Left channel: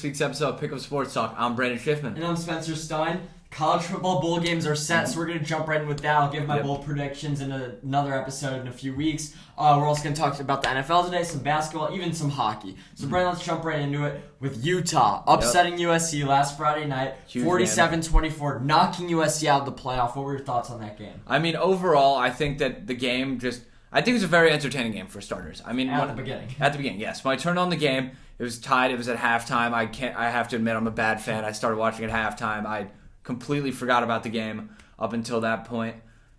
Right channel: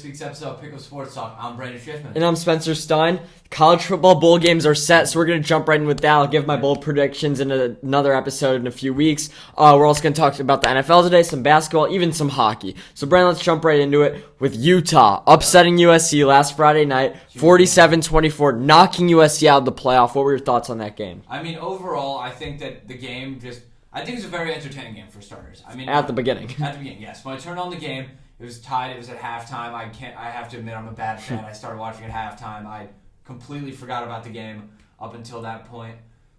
this week's episode of Pick Up Sports Talk. I'm Brandon Schiffman. And I'm Spencer Stein. College football bowl games are set, so we're going to jump right in with that. I'll give my bowl predictions in another episode in a few weeks. We're also going to talk about the NFL today, some basketball, even some hockey. So, Brandon, let's jump right into it with Utah upsetting USC last Friday night, 47-24, knocking USC out of the playoff. What were your thoughts on that game? I mean, overall, I think that the game I think it was a very entertaining game for starters. I mean, At the beginning, yes. When I turned on the game, it was tied. It was at halftime. I have to admit, I'm a bad fan. I started watching at halftime. I completely forgot about the game up until that point.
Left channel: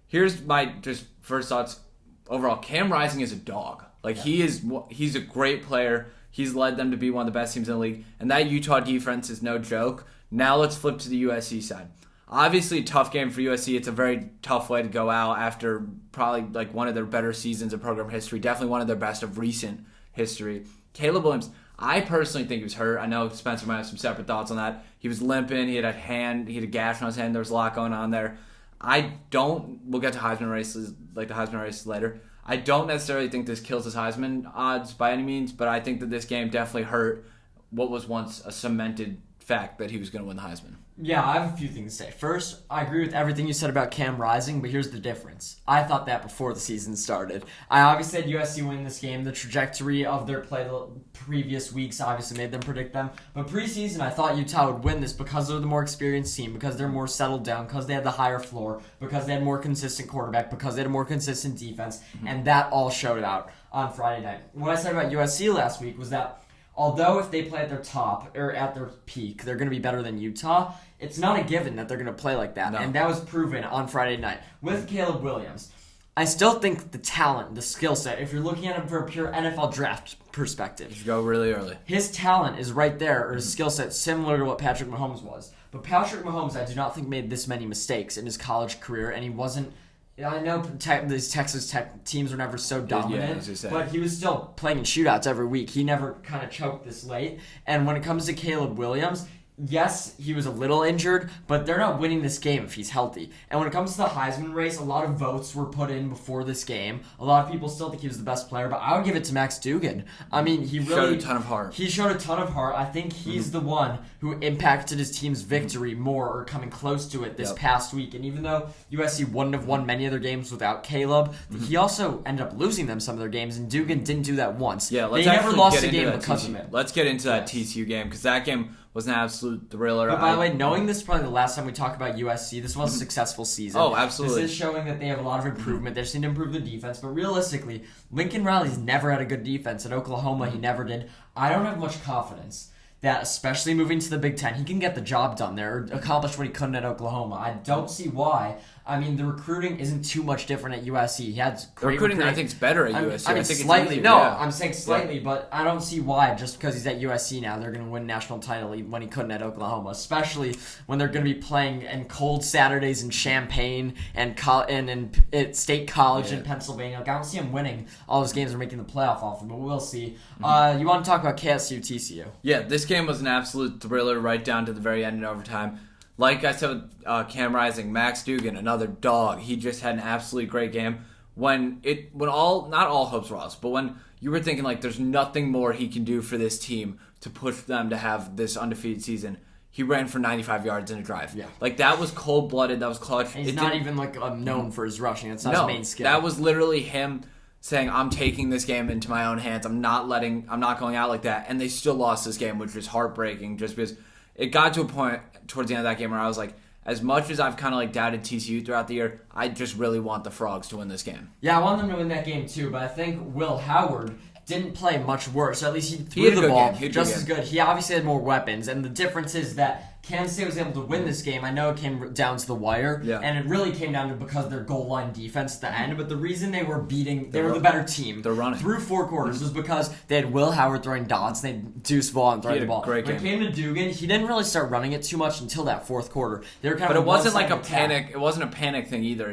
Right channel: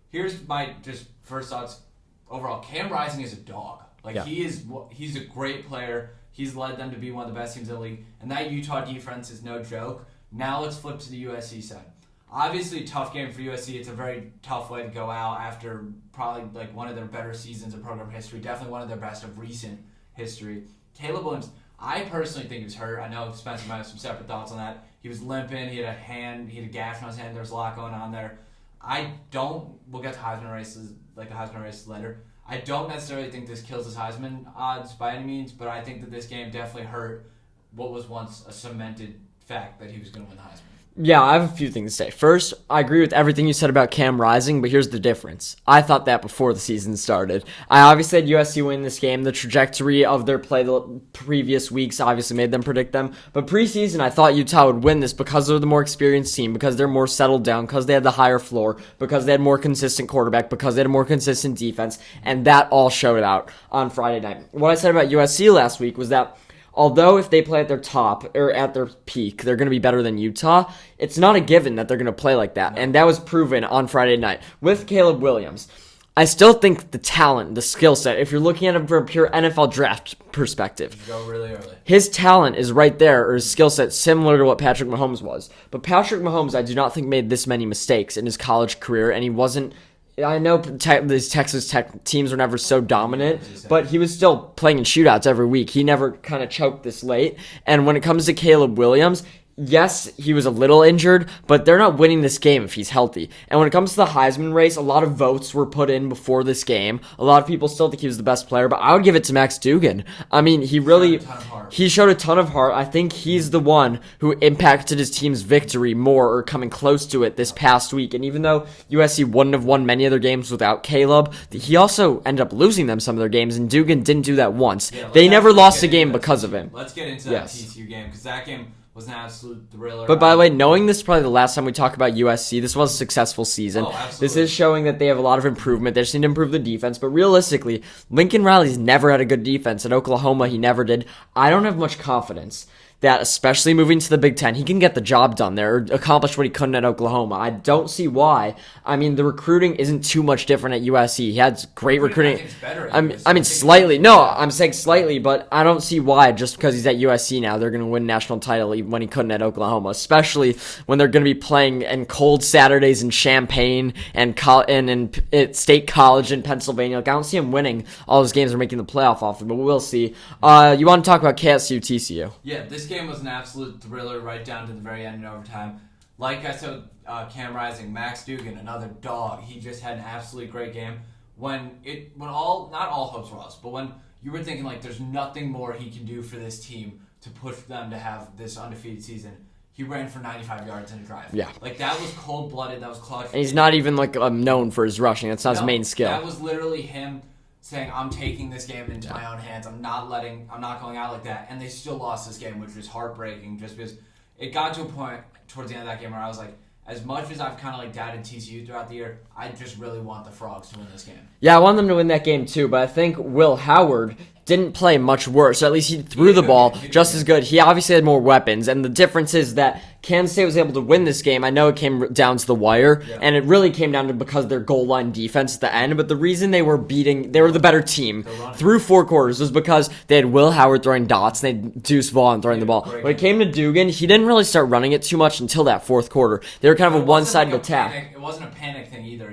Here's my just first thoughts. Overall, Cam Rising is a dog. He's a great player. He's led them to be one of the best teams in the league. And that Utah defense is no joke. Now let's flip to the USC side. Obviously, a tough game for USC. It's a very tough way to go out after probably like one of their better seasons of program history. Definitely one of their best of recent history. Caleb Williams, I personally think he was hurt. I know Spencer might have some separate thoughts on that. He was limping. He had a gash on his hand. There was a lot going on there. We'll get to Heisman races, like the Heisman races later. I don't necessarily think this kills his Heisman odds by any means, but I think that this game definitely hurt what was once a cemented fact that he was going to win the Heisman. Yeah, I have a few things to say. First, I agree with everything you said about Cam Rising, but here's the difference. I thought that before the season started. I obviously had USC win this game. The trajectory of their play the previous weeks obviously made them predict them. But preseason, I thought Utah would win this because they're the more experienced team, because they're more settled down, because they had the higher floor, because they had more consistent quarterback, because they had a more consistent defense, and that all showed out on Friday night. What I said about USC last week was that although if they play at their top or at their peak, they're going to be better than Utah, it's not a given that they're going to play like that. No. And that was proven on Friday night with Caleb Williams. I still think the talent, the skill set, if you're looking at him from a pure NFL draft perspective, go really early. His talent is right there, or his skill set similar to what Patrick Mahomes was. But Patrick Mahomes, I do not think made this many mistakes in his college career, and he wasn't. I know these Texas Tech teams were never so dominant, but he was still playing in shootouts every week. He never kind of choked this late. And when it comes to Caleb Williams, yes, he was a little injured, but they're not winning this game if he's healthy. And when it comes to the Heisman race, a lot of votes were put in before this game. A lot of people still think he was the best player, but I would give it to Max Duggan. I mean, he showed a ton of heart. I think he's the one who impacted his team's victory more, or coming close to it this past week. And even though USC wouldn't have won many of their games without Caleb, he also ended up losing them some of their games, and Duggan didn't do that once. Yeah, they never lost a game because of him. Let's get into that TCU game, because that game was an absolute thriller. But by the way, knowing this is probably the last time we talk about USC, this was a successful season. Oh, absolutely. This is showing that they have a lot of improvement. They just need to improve the defense. But realistically, Lincoln Riley's never had a good defense. At Oklahoma, he never did. I don't have much confidence that, especially moving to the Big Ten, he can get the job done there, or accomplish what he couldn't at Oklahoma. I don't see why. I mean, the recruiting isn't too much different at USC. He had great recruiting. I think it's better at USC. I mean, slightly. No, I'm saying slightly, but I don't see why, just because he's at USC now, they're going to win national title when he couldn't at Oklahoma, especially when they're going to be playing in cold Saturdays in Champaign and in State College in Pennsylvania. Like, I don't see him winning all those games or making the playoff often, but we'll see. You want to talk about KSU, TCU? Yeah, this game was an absolute thriller right down to the very end in overtime. Like I said with Cam Rising, Max Duggan, another dog. He just had an absolutely great game. Not all hopes were lost, but when you were thinking like there's nothing more he can do for this team to push them to have this undefeated season, he ran for 95 yards in a drive. Yeah. Like, that was cold-blooded. That was clutch. And he's not even known for his rushing. That's not his main skill. That was literally him saying, I'm taking this game into my own hands. I'm not going out like that. And they still lost this game, which was heartbreaking, just because it got to a point towards the end of that game where I was like, as much as I've kind of doubted TCU throughout the year, I just really want the Frogs to win this game. Yeah, I want them to win that game too, but I think Will Howard didn't play much worse. Or at least he threw the ball just as good. He obviously had more weapons, and the difference is that Kansas State was able to win this game. I know it came down to the wire, and it really came down to because of their goal line defense at the end, but the reason they were the better team through 4 quarters was because they had Will Howard throwing dots, and they had Deuce Vaughn throwing the ball. When it came to Duggan, he didn't really start running it too much until that 4th quarter. They were kind of a one-sided attack. It wasn't a panic thing either.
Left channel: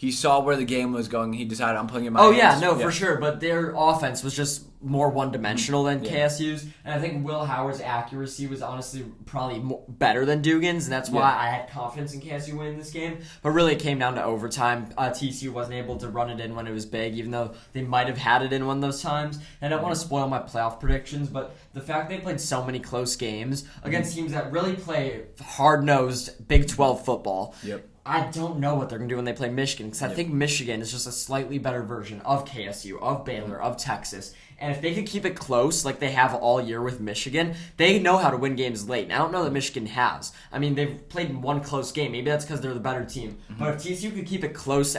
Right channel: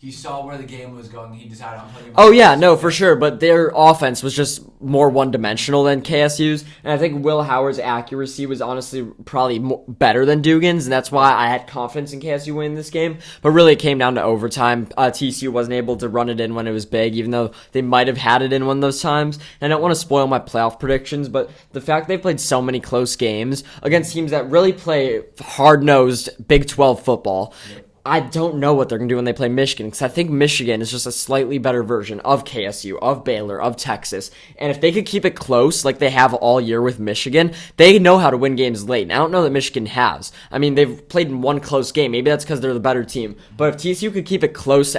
he saw where the game was going. He decided I'm putting him. Oh yeah, no, for sure. But their offense was just more one-dimensional than KSU's, and I think Will Howard's accuracy was honestly probably better than Dugan's, and that's why I had confidence in KSU winning this game. But really, it came down to overtime. TCU wasn't able to run it in when it was big, even though they might have had it in one of those times. And I don't want to spoil my playoff predictions, but the fact they played so many close games against teams that really play hard-nosed Big 12 football. Yep. I don't know what they're going to do when they play Michigan, because I think Michigan is just a slightly better version of KSU, of Baylor, of Texas. And if they could keep it close like they have all year with Michigan, they know how to win games late. And I don't know that Michigan has. I mean, they've played in one close game. Maybe that's because they're the better team. But if TCU could keep it close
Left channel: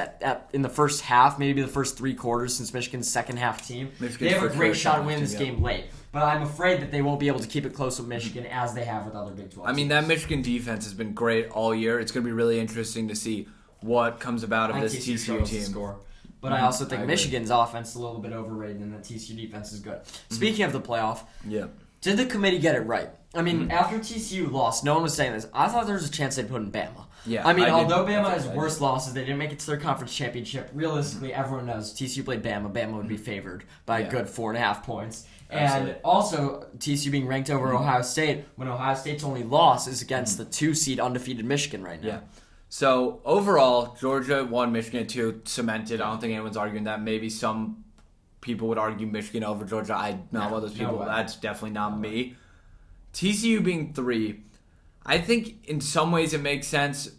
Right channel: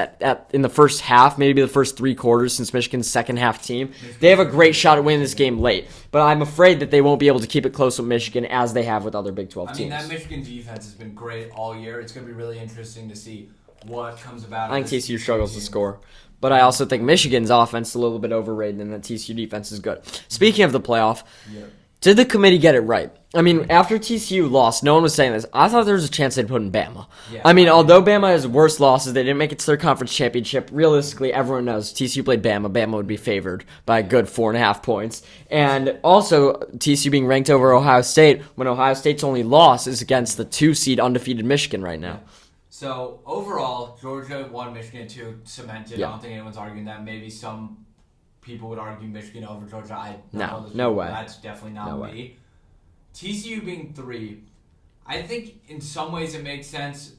in the first half, maybe the first 3 quarters, since Michigan's second half team, they have a great shot at winning this game late. But I'm afraid that they won't be able to keep it close with Michigan as they have with other Big 12 teams. I mean, that Michigan defense has been great all year. It's going to be really interesting to see what comes about of I this think TCU struggles to team. score. But I also think Michigan's offense is a little bit overrated and the TCU defense is good. Speaking of the playoff, did the committee get it right? I mean, after TCU lost, no one was saying this. I thought there was a chance they'd put in Bama. Yeah, I mean, although Bama has worse losses, they didn't make it to their conference championship. Realistically, everyone knows TCU played Bama. Bama would be favored by a good 4.5 points. And also, TCU being ranked over Ohio State when Ohio State's only loss is against the 2-seed undefeated Michigan right now. Yeah. So, overall, Georgia won, Michigan 2, cemented. Yeah. I don't think anyone's arguing that. Maybe some people would argue Michigan over Georgia. I don't know those no people. way. That's definitely not No me. way. TCU being 3, I think in some ways it makes sense.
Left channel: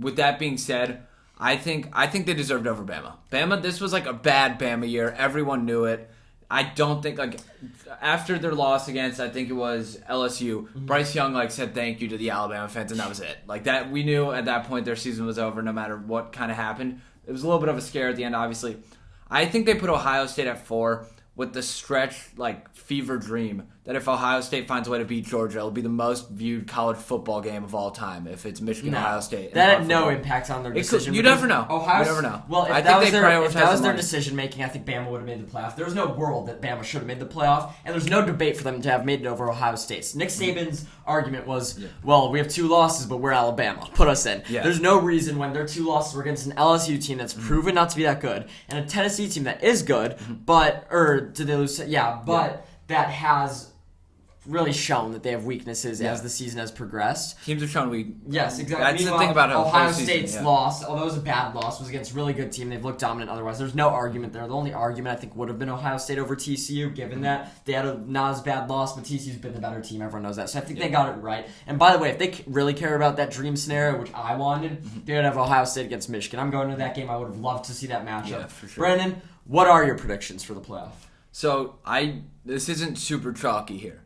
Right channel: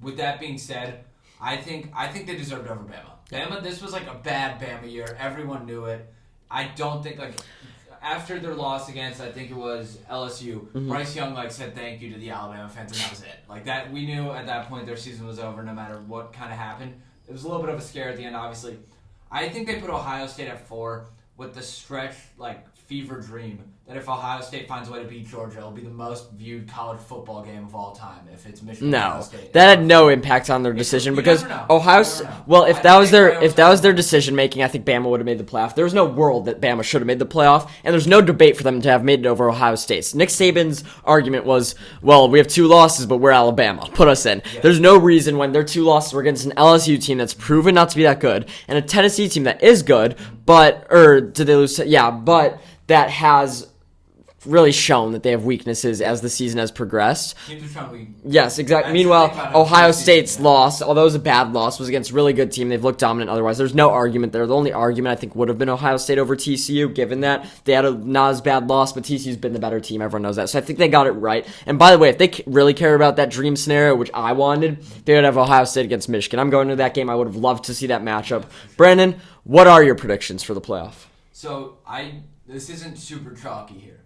With that being said, I think they deserved over Bama. Bama, this was like a bad Bama year. Everyone knew it. I don't think after their loss against, I think it was LSU, Bryce Young said thank you to the Alabama fans, and that was it. That we knew at that point their season was over no matter what kind of happened. It was a little bit of a scare at the end, obviously. I think they put Ohio State at 4 with the stretch fever dream that if Ohio State finds a way to beat Georgia, it'll be the most viewed college football game of all time if it's Michigan Ohio State. That had no impact on their decision because never know. Ohio You never know. Well, if I that think was their decision making, I think Bama would have made the playoff. There was no world that Bama should have made the playoff, and there's no debate for them to have made it over Ohio State. Nick Saban's argument was, well, we have 2 losses, but we're Alabama. Put us in. Yeah. There's no reason when their 2 losses were against an LSU team that's proven not to be that good, and a Tennessee team that is good, did they lose? Yeah, but that has really shown that they have weaknesses as the season has progressed. Teams are shown weak. Yes, exactly. Meanwhile, Ohio State's loss, although it was a bad loss, was against a really good team. They've looked dominant otherwise. There's no argument there. The only argument I think would have been Ohio State over TCU, given that they had a not as bad loss, but TCU's been the better team. Everyone knows that. So I think they got it right. And by the way, if they really care about that dream scenario, which I wanted, they would have Ohio State against Michigan. I'm going to that game. I would have loved to see that matchup. Yeah, sure. Brandon, what are your predictions for the playoff? So this isn't super chalky here.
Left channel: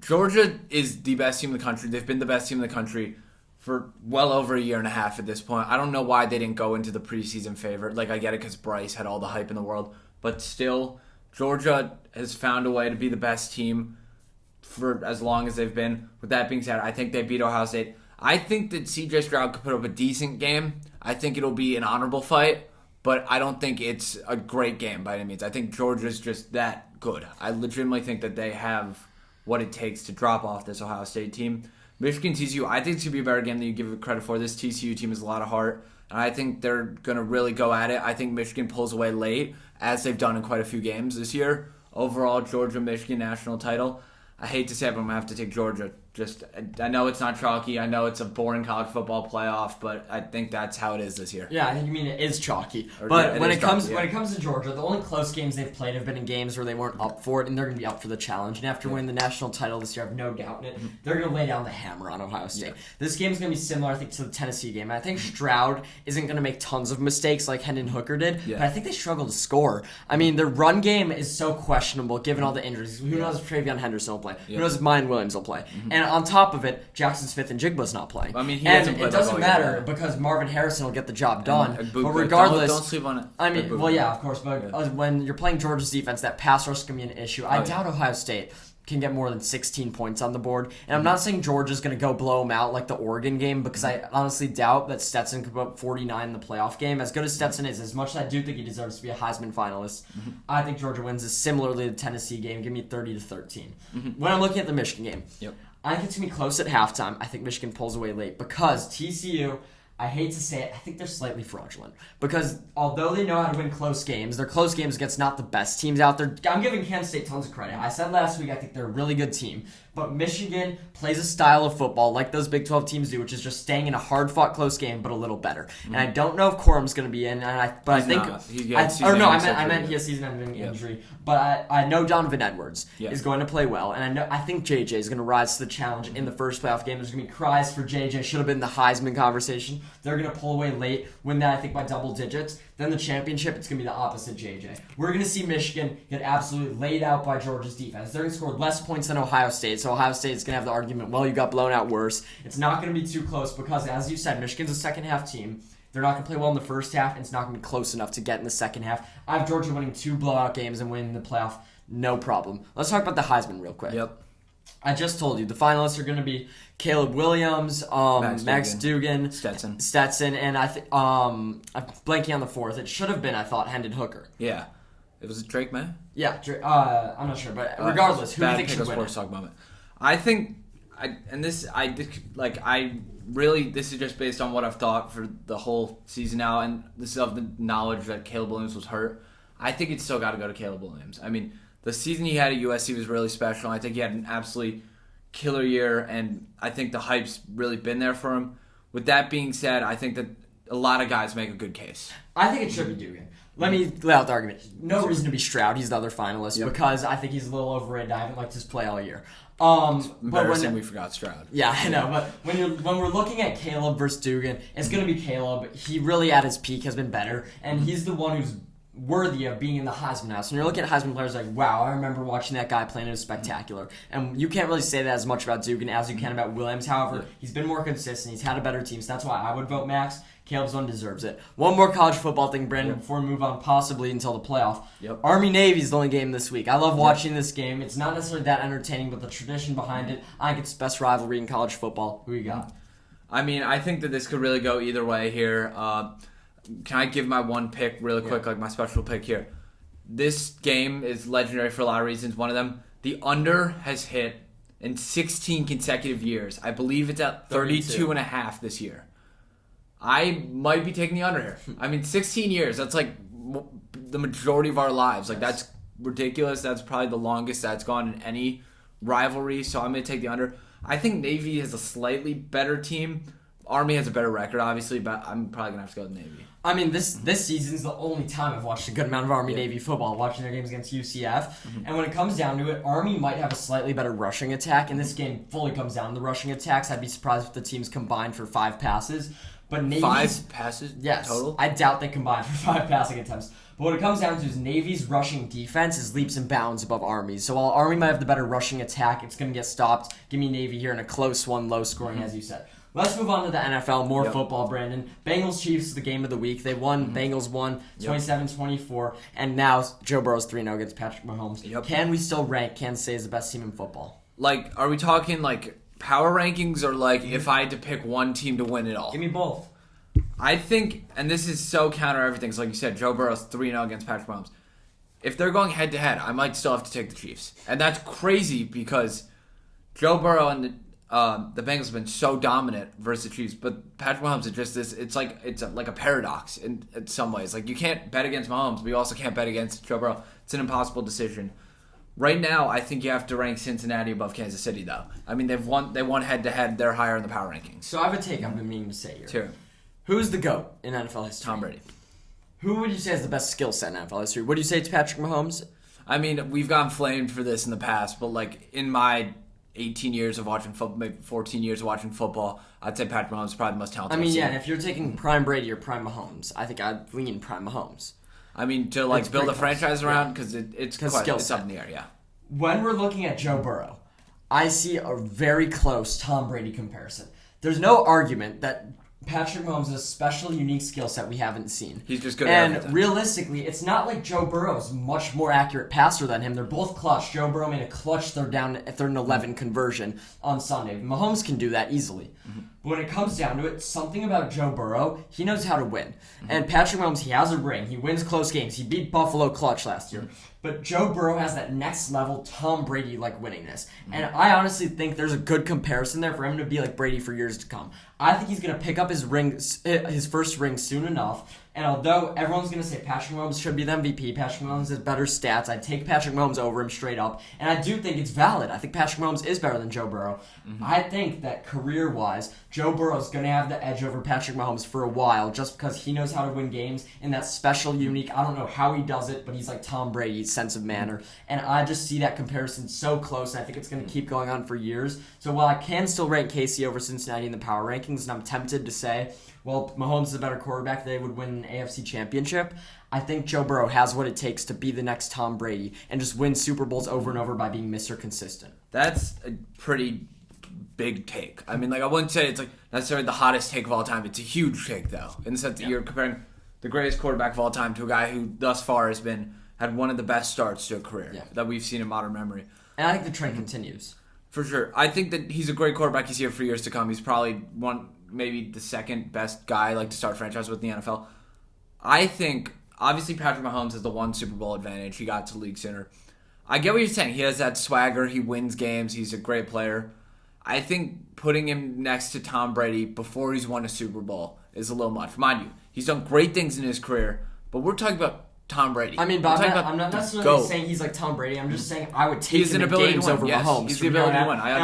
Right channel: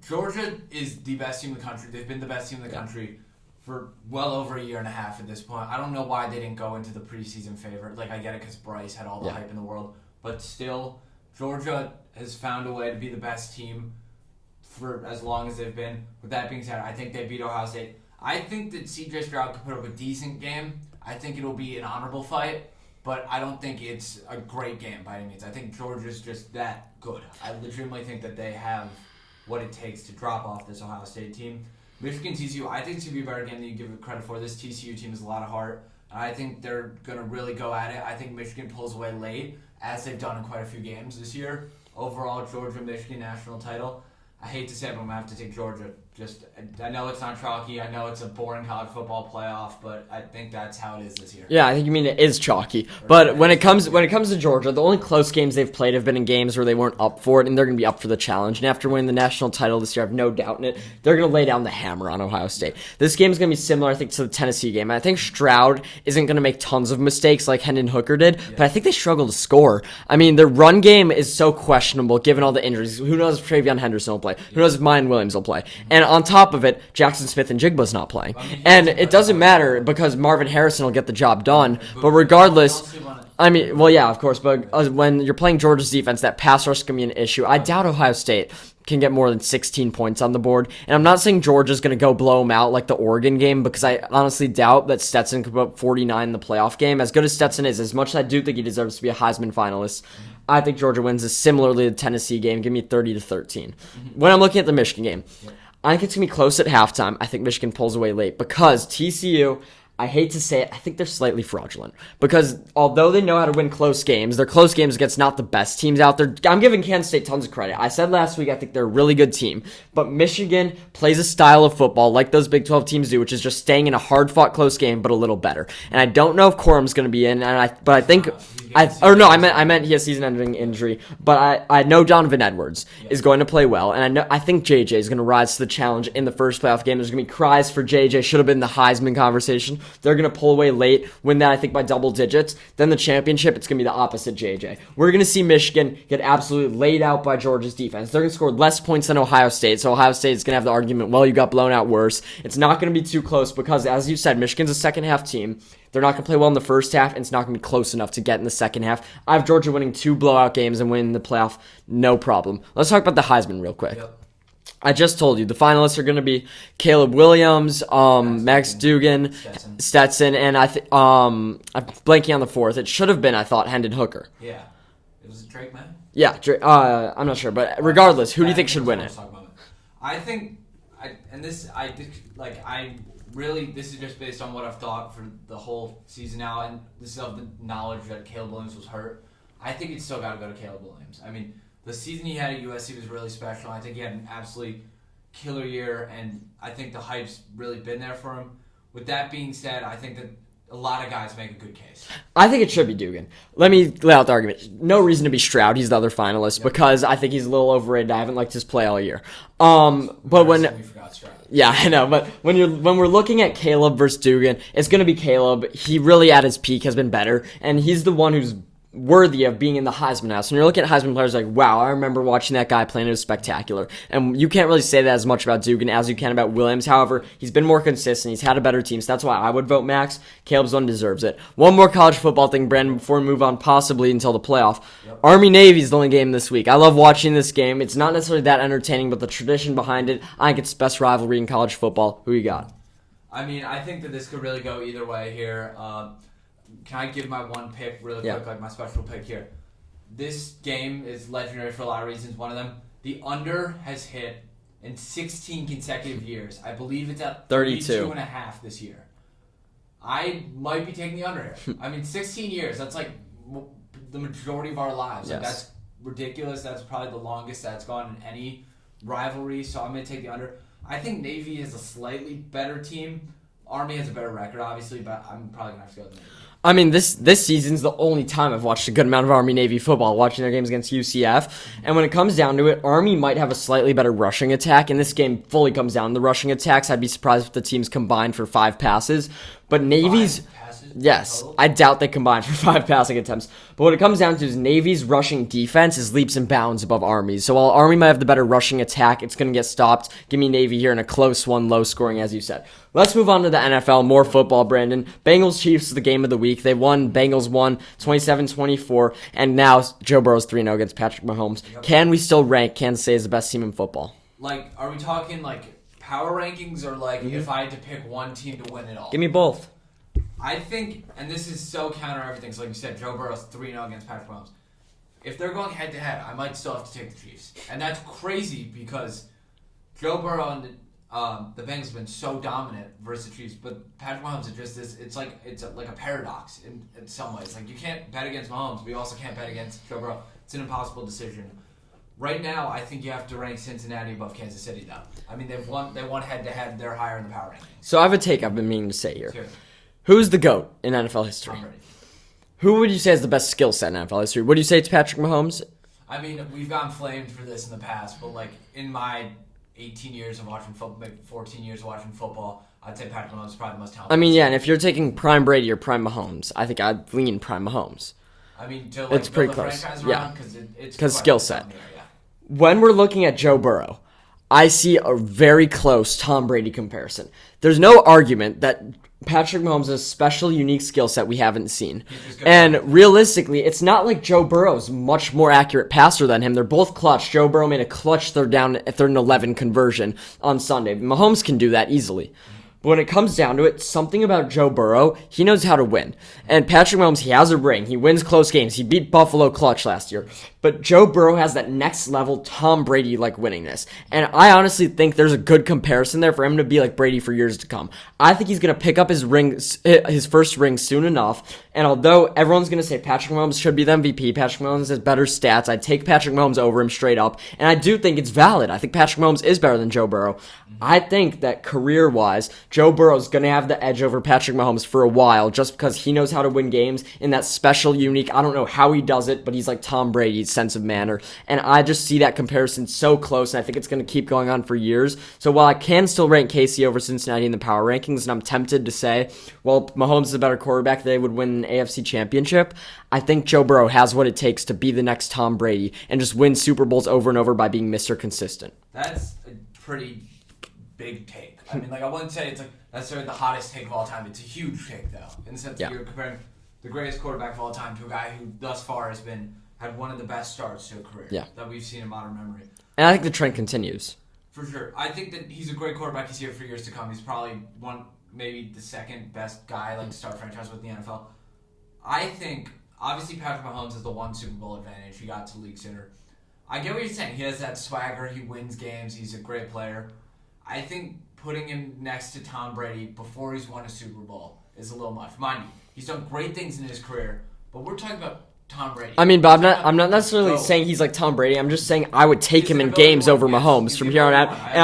Georgia is the best team in the country. They've been the best team in the country for well over a year and a half at this point. I don't know why they didn't go into the preseason favorite. I get it because Bryce had all the hype in the world. But still, Georgia has found a way to be the best team for as long as they've been. With that being said, I think they beat Ohio State. I think that C.J. Stroud could put up a decent game. I think it'll be an honorable fight. But I don't think it's a great game by any means. I think Georgia's just that good. I legitimately think that they have what it takes to drop off this Ohio State team. Michigan, TCU, I think it's going to be a better game than you give it credit for. This TCU team has a lot of heart, and I think they're going to really go at it. I think Michigan pulls away late, as they've done in quite a few games this year. Overall, Georgia-Michigan national title. I hate to say it, but I'm going to have to take Georgia. I know it's not chalky. I know it's a boring college football playoff, but I think that's how it is this year. Yeah, I think you mean it is chalky. But when it comes to Georgia, the only close games they've played have been in games where they weren't up for it, and they're going to be up for the challenge. And after winning the national title this year, I have no doubt in it, they're going to lay down the hammer on Ohio State. This game is going to be similar, I think, to the Tennessee game. I think Stroud isn't going to make tons of mistakes like Hendon Hooker did, but I think they struggle to score. I mean, their run game is so questionable given all the injuries. Who knows if Travion Henderson will play? Who knows if Mayan Williams will play? And on top of it, Jackson Smith and Jigba's not playing. And it doesn't matter because Marvin Harrison will get the job done. But regardless, don't sleep on it. I mean, well, yeah, of course. But when you're playing Georgia's defense, that pass rush can be an issue. I doubt Ohio State can get more than 16 points on the board. And I'm not saying Georgia's going to go blow them out like the Oregon game because I honestly doubt that Stetson could put up 49 in the playoff game. As good as Stetson is, as much as I do think he deserves to be a Heisman finalist, I think Georgia wins this similarly to the Tennessee game. Give me 30-13. When I'm looking at the Michigan game, I think it's going to be close at halftime. I think Michigan pulls away late because TCU, I hate to say it, I think they're slightly fraudulent. Because although they know how to win close games, they're close games against not the best teams out there. I'm giving Kansas State tons of credit. I said last week I think they're a really good team. But Michigan plays a style of football like those Big 12 teams do, which is just staying in a hard-fought close game, but a little better. And I don't know if Corum's going to be in, but I think I meant he has season-ending injury. But I know Donovan Edwards is going to play well, and I think JJ is going to rise to the challenge in the first playoff game. There's going to be cries for JJ. Should have been the Heisman conversation. They're going to pull away late, win that I think by double digits. Then the championship, it's going to be the opposite JJ. We're going to see Michigan get absolutely laid out by Georgia's defense. They're going to score less points than Ohio State, so Ohio State is going to have the argument, well, you got blown out worse. It's not going to be too close because, as you said, Michigan's a second-half team. They're not going to play well in the first half, and it's not going to be close enough to get in the second half. I have Georgia winning 2 blowout games and winning the playoff, no problem. Let's talk about the Heisman real quick. Yep. I just told you, the finalists are going to be Caleb Williams, Max Dugan, Stetson, and I'm blanking on the fourth. It should have been, I thought, Hendon Hooker. Yeah. It was Drake, man? Yeah, I'm not sure, but regardless, who do you think should win it? I think, this is just based on what I've thought for the whole season now, and this is of the knowledge that Caleb Williams was hurt. I think it's still got to go to Caleb Williams. I mean, the season he had at USC was really special. I think he had an absolutely killer year, and I think the hype's really been there for him. With that being said, I think that a lot of guys make a good case. I think it should be Dugan. Let me lay out the argument. No reason to be Stroud. He's the other finalist because I think he's a little overrated. I haven't liked his play all year. But when we forgot Stroud. Yeah, I know. But when we're looking at Caleb versus Dugan, it's going to be Caleb. He really at his peak has been better, and he's the one who's worthy of being in the Heisman house. When you're looking at Heisman players, like, wow, I remember watching that guy playing. It was spectacular. And you can't really say that as much about Dugan as you can about Williams. However, he's been more consistent. He's had a better team, so that's why I would vote Max. Caleb's one deserves it. One more college football thing, Brandon, before we move on possibly until the playoff. Yep. Army-Navy is the only game this week. I love watching this game. It's not necessarily that entertaining, but the tradition behind it, I think it's the best rivalry in college football. Who you got? I mean, I think that this could really go either way here. Can I give my one pick really quick, like my special pick here? This game is legendary for a lot of reasons. One of them, the under has hit in 16 consecutive years. I believe it's at 32.5 this year. I might be taking the under here. I mean, 16 years, that's like the majority of our lives. Like, that's ridiculous. That's probably the longest that's gone in any rivalry, so I'm going to take the under. I think Navy is a slightly better team. Army has a better record, obviously, but I'm probably going to have to go with Navy. I mean, this season's the only time I've watched a good amount of Army-Navy football, watching their games against UCF. And when it comes down to it, Army might have a slightly better rushing attack, and this game fully comes down to the rushing attacks. I'd be surprised if the teams combined for 5 passes. But Navy's... 5 passes? Yes. Total? I doubt they combined for 5 passing attempts. But what it comes down to is Navy's rushing defense is leaps and bounds above Army's. So while Army might have the better rushing attack, it's going to get stopped. Give me Navy here in a close one, low scoring, as you said. Let's move on to the NFL. More football, Brandon. Bengals-Chiefs is the game of the week. They won. Bengals won 27-24. And now Joe Burrow's 3-0 against Patrick Mahomes. Yep. Can we still rank Kansas City as the best team in football? Like, are we talking, like, power rankings or, like, if I had to pick one team to win it all? Give me both. I think, and this is so counter everything, so like you said, Joe Burrow's 3-0 against Patrick Mahomes. If they're going head-to-head, I might still have to take the Chiefs. And that's crazy because Joe Burrow and the Bengals have been so dominant versus the Chiefs, but Patrick Mahomes is just this. It's like a paradox in some ways. Like, you can't bet against Mahomes, but you also can't bet against Joe Burrow. It's an impossible decision. Right now, I think you have to rank Cincinnati above Kansas City, though. I mean, they won head-to-head. They're higher in the power rankings. So I have a take I've been meaning to say here. Sure. Who's the GOAT in NFL history? Tom Brady. Who would you say is the best skill set in NFL history? Would you say it's Patrick Mahomes? I mean, we've gotten flamed for this in the past, but like in my 18 years of watching football, maybe 14 years of watching football, I'd say Patrick Mahomes is probably the most talented. I mean, yeah, and if you're taking prime Brady or prime Mahomes, I think I'd lean prime Mahomes. I mean, to like build a franchise around because it's skill set. Yeah. When we're looking at Joe Burrow, I see a very close Tom Brady comparison. There's no argument that Patrick Mahomes has a special, unique skill set we haven't seen. He's just good. And realistically, it's not like Joe Burrow's much more accurate passer than him. They're both clutch. Joe Burrow made a clutch third and 11 conversion on Sunday. Mahomes can do that easily. But when it comes down to it, something about Joe Burrow, he knows how to win. And Patrick Mahomes, he has a ring. He wins close games. He beat Buffalo clutch last year. But Joe Burrow has that next level Tom Brady-like winningness. And I honestly think there's a good comparison there for him to be like Brady for years to come. I think he's going to pick up his first ring soon enough. And although everyone's going to say Patrick Mahomes should be the MVP, Patrick Mahomes has better stats, I'd take Patrick Mahomes over him straight up. And I do think it's valid. I think Patrick Mahomes is better than Joe Burrow. I think that career-wise, Joe Burrow is going to have the edge over Patrick Mahomes for a while just because he knows how to win games in that special, unique, I don't know how he does it, but he's like Tom Brady's sense of manner. And I just see that comparison so close, and I think it's going to keep going on for years. So while I can still rank KC over Cincinnati in the power rankings, and I'm tempted to say, well, Mahomes is a better quarterback, they would win an AFC championship, I think Joe Burrow has what it takes to be the next Tom Brady and just win Super Bowls over and over by being Mr. Consistent. That's a pretty big take. I mean, like, I wouldn't say it's like necessarily the hottest take of all time. It's a huge take, though, in the sense that you're comparing the greatest quarterback of all time to a guy who thus far had one of the best starts to a career that we've seen in modern memory. And I think the trend continues. For sure. I think that he's a great quarterback. He's here for years to come. He's probably maybe the second best guy to start franchise with in the NFL. I think, obviously, Patrick Mahomes has the one Super Bowl advantage. He got to league sitter. I get what you're saying. He has that swagger. He wins games. He's a great player. I think putting him next to Tom Brady before he's won a Super Bowl is a little much. Mind you, he's done great things in his career, but we're talking about Tom Brady. I mean, but I'm not necessarily saying he's like Tom Brady. I'm just saying I would take him in games over Mahomes from here on out. And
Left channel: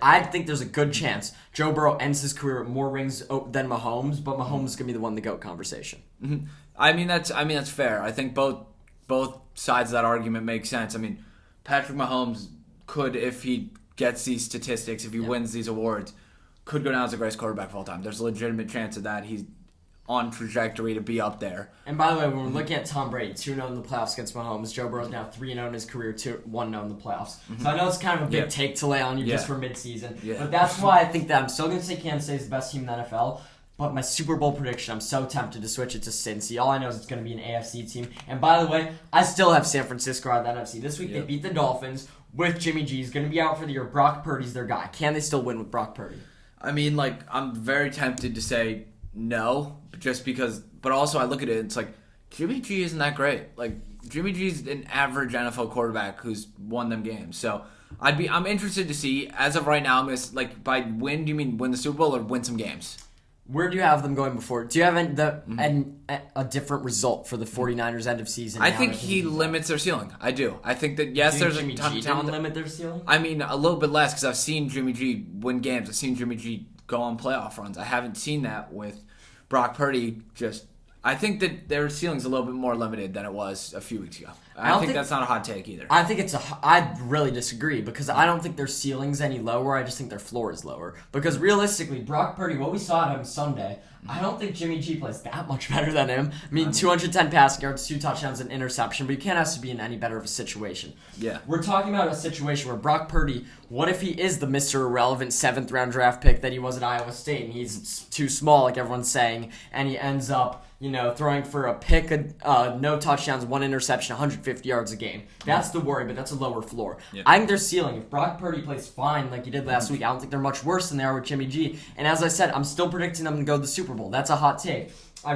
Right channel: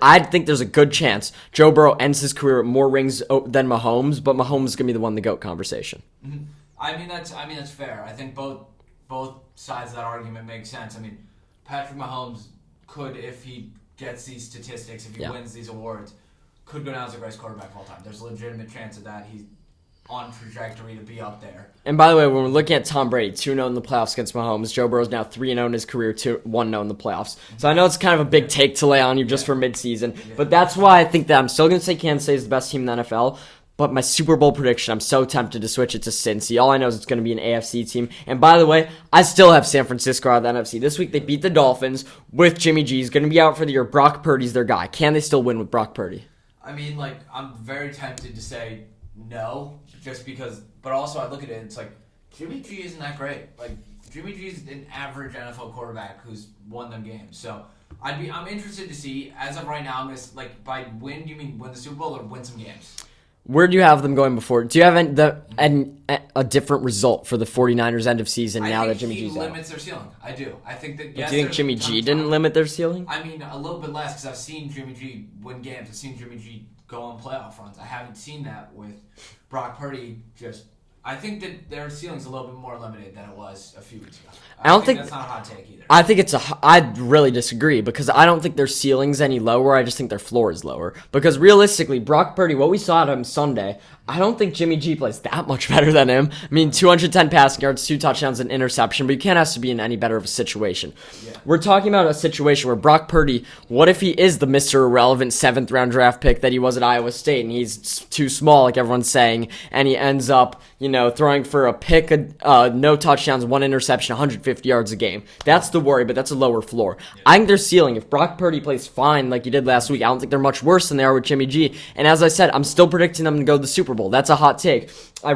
I think there's a good chance Joe Burrow ends his career with more rings than Mahomes, but Mahomes is gonna be the one to GOAT conversation. Mm-hmm. I mean that's fair. I think both sides of that argument make sense. I mean, Patrick Mahomes could, if he gets these statistics, if he wins these awards, could go down as the greatest quarterback of all time. There's a legitimate chance of that. He's on trajectory to be up there. And by the way, when we're looking at Tom Brady, 2-0 in the playoffs against Mahomes, Joe Burrow's now 3-0 in his career, 1-0 in the playoffs. Mm-hmm. So I know it's kind of a big take to lay on you just for midseason, but that's why I think that I'm still going to say Kansas State is the best team in the NFL. But my Super Bowl prediction, I'm so tempted to switch it to Cincy. All I know is it's going to be an AFC team. And by the way, I still have San Francisco out of the NFC. This week they beat the Dolphins with Jimmy G. He's going to be out for the year. Brock Purdy's their guy. Can they still win with Brock Purdy? I mean, I'm very tempted to say no, just because. But also, I look at it, it's like Jimmy G isn't that great. Jimmy G's an average NFL quarterback who's won them games. So I'm interested to see. As of right now, by win, do you mean win the Super Bowl or win some games? Where do you have them going before? Do you have a different result for the 49ers end of season now that Jimmy G's I think he limits their ceiling. I do. I think that, yes, do you think Jimmy G didn't limit their ceiling? I mean, a little bit less because I've seen Jimmy G win games. I've seen Jimmy G go on playoff runs. I haven't seen that with Brock Purdy. I think that their ceiling's a little bit more limited than it was a few weeks ago. I don't think that's not a hot take either. I think I really disagree because I don't think their ceiling's any lower. I just think their floor is lower. Because realistically, Brock Purdy, what we saw at him Sunday, I don't think Jimmy G plays that much better than him. I mean, 210 passing yards, 2 touchdowns, and interception, but you can't ask to be in any better of a situation. Yeah. We're talking about a situation where Brock Purdy, what if he is the Mr. Irrelevant 7th-round draft pick that he was at Iowa State, and he's too small, like everyone's saying, and he ends up, throwing for a pick, no touchdowns, 1 interception, 150 yards a game. That's the worry, but that's a lower floor. Yeah. I think their ceiling, if Brock Purdy plays fine like he did last week, I don't think they're much worse than they are with Jimmy G. And as I said, I'm still predicting them to go to the Super Bowl. That's a hot take. I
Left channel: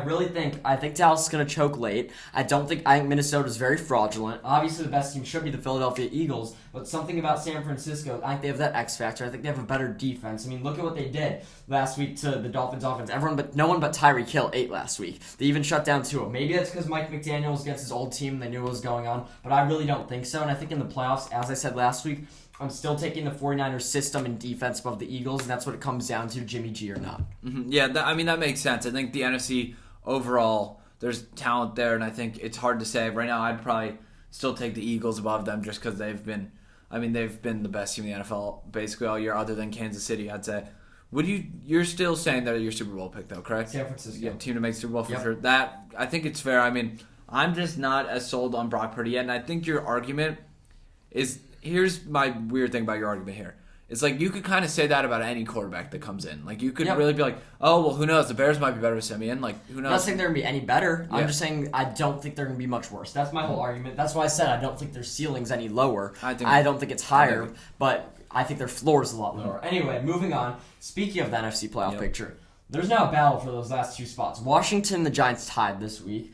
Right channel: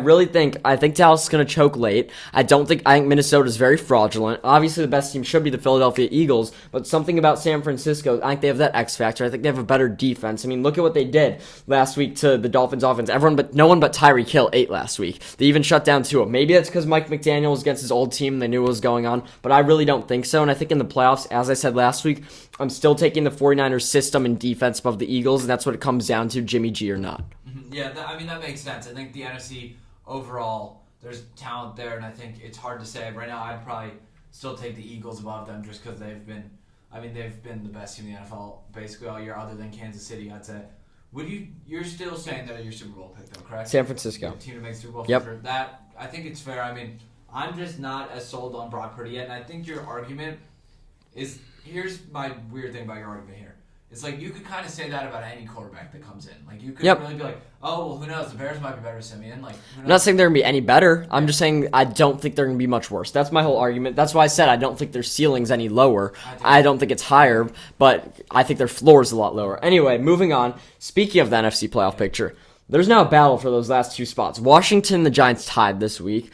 think Dallas is going to choke late. I think Minnesota is very fraudulent. Obviously, the best team should be the Philadelphia Eagles, but something about San Francisco, I think they have that X factor. I think they have a better defense. I mean, look at what they did last week to the Dolphins offense. No one but Tyreek Hill ate last week. They even shut down Tua. Maybe that's because Mike McDaniel was against his old team. They knew what was going on, but I really don't think so. And I think in the playoffs, as I said last week, I'm still taking the 49ers system and defense above the Eagles, and that's what it comes down to, Jimmy G or not. Mm-hmm. Yeah, that makes sense. I think the NFC overall, there's talent there, and I think it's hard to say. Right now, I'd probably still take the Eagles above them just because they've been the best team in the NFL basically all year other than Kansas City, I'd say. You're still saying they're your Super Bowl pick, though, correct? San Francisco. Yeah, team to make Super Bowl for sure. That, I think it's fair. I mean, I'm just not as sold on Brock Purdy yet, and I think your argument is... Here's my weird thing about your argument here. It's like you could kind of say that about any quarterback that comes in. Like you could Yep. really be like, oh well, who knows? The Bears might be better with Simeon. Like who knows? I'm not saying they're going to be any better. I'm Yeah. just saying I don't think they're going to be much worse. That's my whole argument. That's why I said I don't think their ceiling's any lower. I don't think it's higher, but I think their floor is a lot lower. Anyway, moving on. Speaking of the NFC playoff picture, there's now a battle for those last 2 spots. Washington and the Giants tied this week.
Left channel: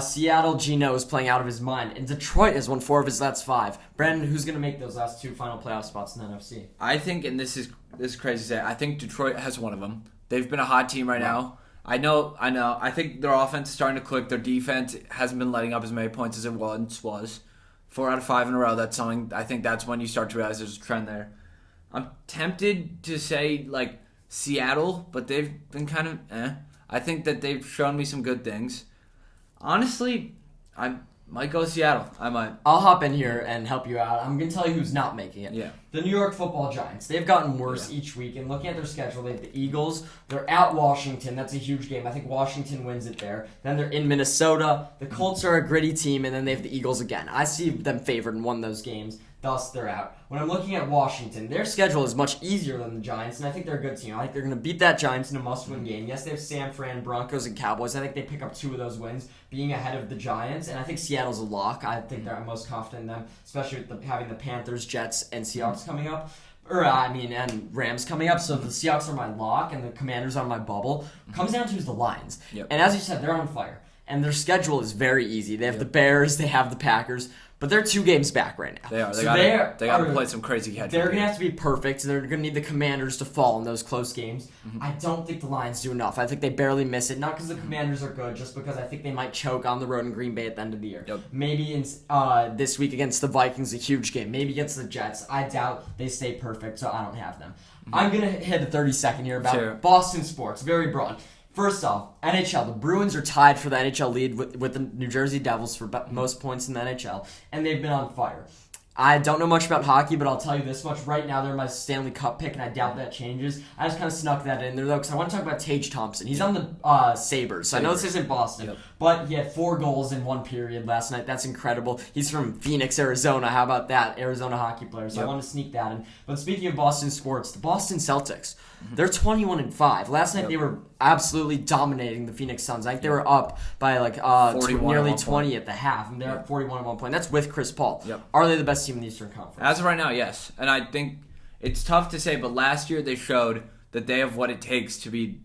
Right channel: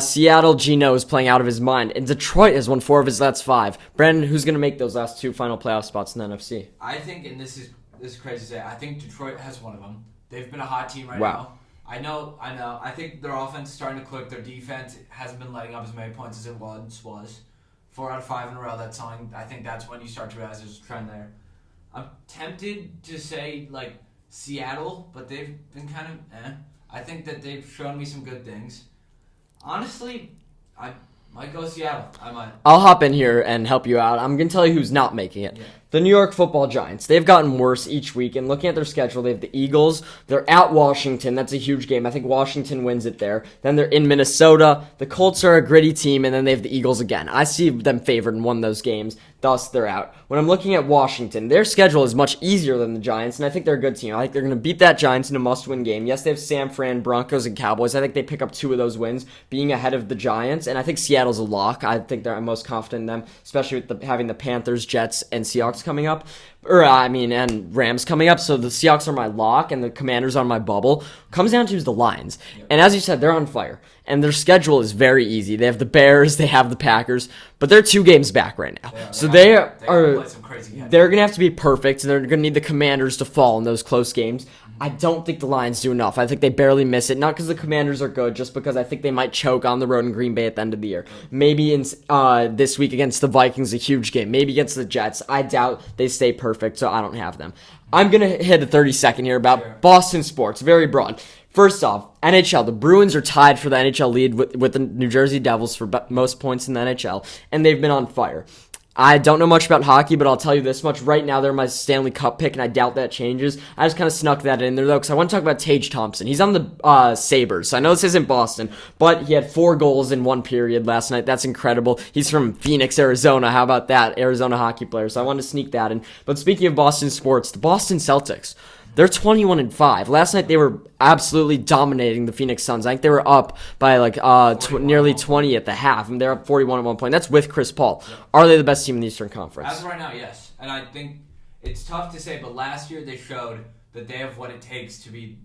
Seattle, Geno is playing out of his mind. And Detroit has won 4 of his last 5. Brandon, who's going to make those last 2 final playoff spots in the NFC? I think, and this is crazy to say, I think Detroit has one of them. They've been a hot team right now. I know. I think their offense is starting to click. Their defense hasn't been letting up as many points as it once was. 4 out of 5 in a row. That's something. I think that's when you start to realize there's a trend there. I'm tempted to say like Seattle, but they've been kind of I think that they've shown me some good things. Honestly, I might go Seattle. I might. I'll hop in here and help you out. I'm going to tell you who's not making it. Yeah. The New York Football Giants. They've gotten worse each week, and looking at their schedule, they have the Eagles. They're at Washington. That's a huge game. I think Washington wins it there. Then they're in Minnesota. The Colts are a gritty team, and then they have the Eagles again. I see them favored in one of those games. Thus, they're out. When I'm looking at Washington, their schedule is much easier than the Giants, and I think they're a good team. I think they're going to beat that Giants in a must-win game. Yes, they have San Fran, Broncos, and Cowboys. I think they pick up 2 of those wins, being ahead of the Giants, and I think Seattle's a lock. I think I'm most confident in them, especially with having the Panthers, Jets, and Seahawks coming up. And Rams coming up, so the Seahawks are my lock, and the Commanders are my bubble. Comes down to is the Lines. Yep. And as you said, they're on fire. And their schedule is very easy. They have the Bears, they have the Packers, but they're 2 games back right now. They are. So they gotta play some crazy catch. They're going to have to be perfect, and they're going to need the Commanders to fall in those close games. Mm-hmm. I don't think the Lions do enough. I think they barely miss it, not because the Commanders are good, just because I think they might choke on the road in Green Bay at the end of the year. Yep. Maybe in this week against the Vikings, a huge game. Maybe against the Jets. I doubt they stay perfect, so I don't have them. I'm going to hit a 30-second here about Boston sports, very broad. First off, NHL. The Bruins are tied for the NHL lead with the New Jersey Devils for most points in the NHL, and they've been on fire. I don't know much about hockey, but I'll tell you this much. Right now, they're my Stanley Cup pick, and I doubt that changes. I just kind of snuck that in there, though, because I want to talk about Tage Thompson. He's on the Sabres. So I know this isn't Boston, but he had 4 goals in 1 period last night. That's incredible. He's from Phoenix, Arizona. How about that? Arizona hockey player. So I wanted to sneak that in. But speaking of Boston sports, the Boston Celtics. They're 21-5. Last night they were absolutely dominating the Phoenix Suns. I think they were up by nearly 20 at the half, and they're up 41 at one point. That's with Chris Paul. Yep. Are they the best team in the Eastern Conference? As of right now, yes. And I think it's tough to say, but last year they showed that they have what it takes to be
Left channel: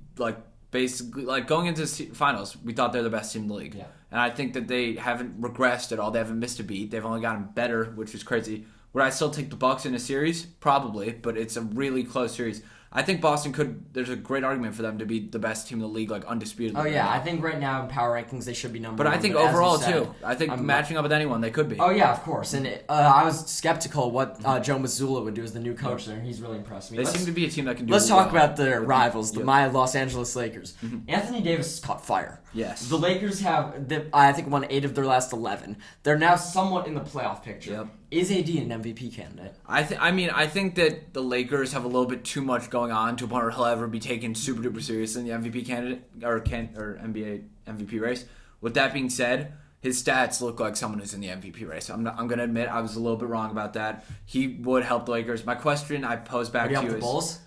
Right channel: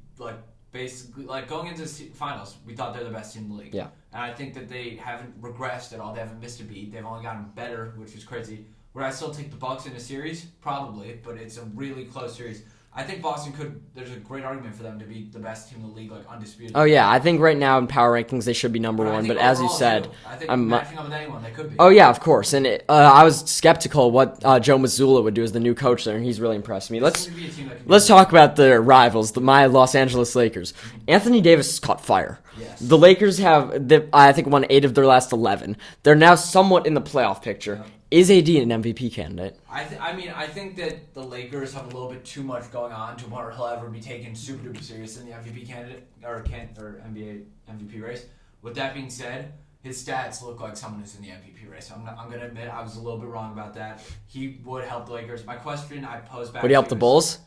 basically going into finals. We thought they're the best team in the league. Yeah. And I think that they haven't regressed at all. They haven't missed a beat. They've only gotten better, which is crazy. Would I still take the Bucks in a series? Probably, but it's a really close series. I think Boston there's a great argument for them to be the best team in the league, undisputed. Oh, yeah. I think right now in power rankings they should be number 1. But as you said, I think matching up with anyone, they could be. Oh, yeah, of course. And I was skeptical what Joe Mazzulla would do as the new coach there, and he's really impressed me. Let's be a team that can let's talk about the rivals, my Los Angeles Lakers. Mm-hmm. Anthony Davis has caught fire. Yes. The Lakers have, I think, won 8 of their last 11. They're now somewhat in the playoff picture. Yep. Is AD an MVP candidate? I think that the Lakers have a little bit too much going on to a point where he'll ever be taken super duper serious in the MVP candidate or NBA MVP race. With that being said, his stats look like someone who's in the MVP race. I'm going to admit I was a little bit wrong about that. He would help the Lakers. My question I posed back. Would he help the Bulls?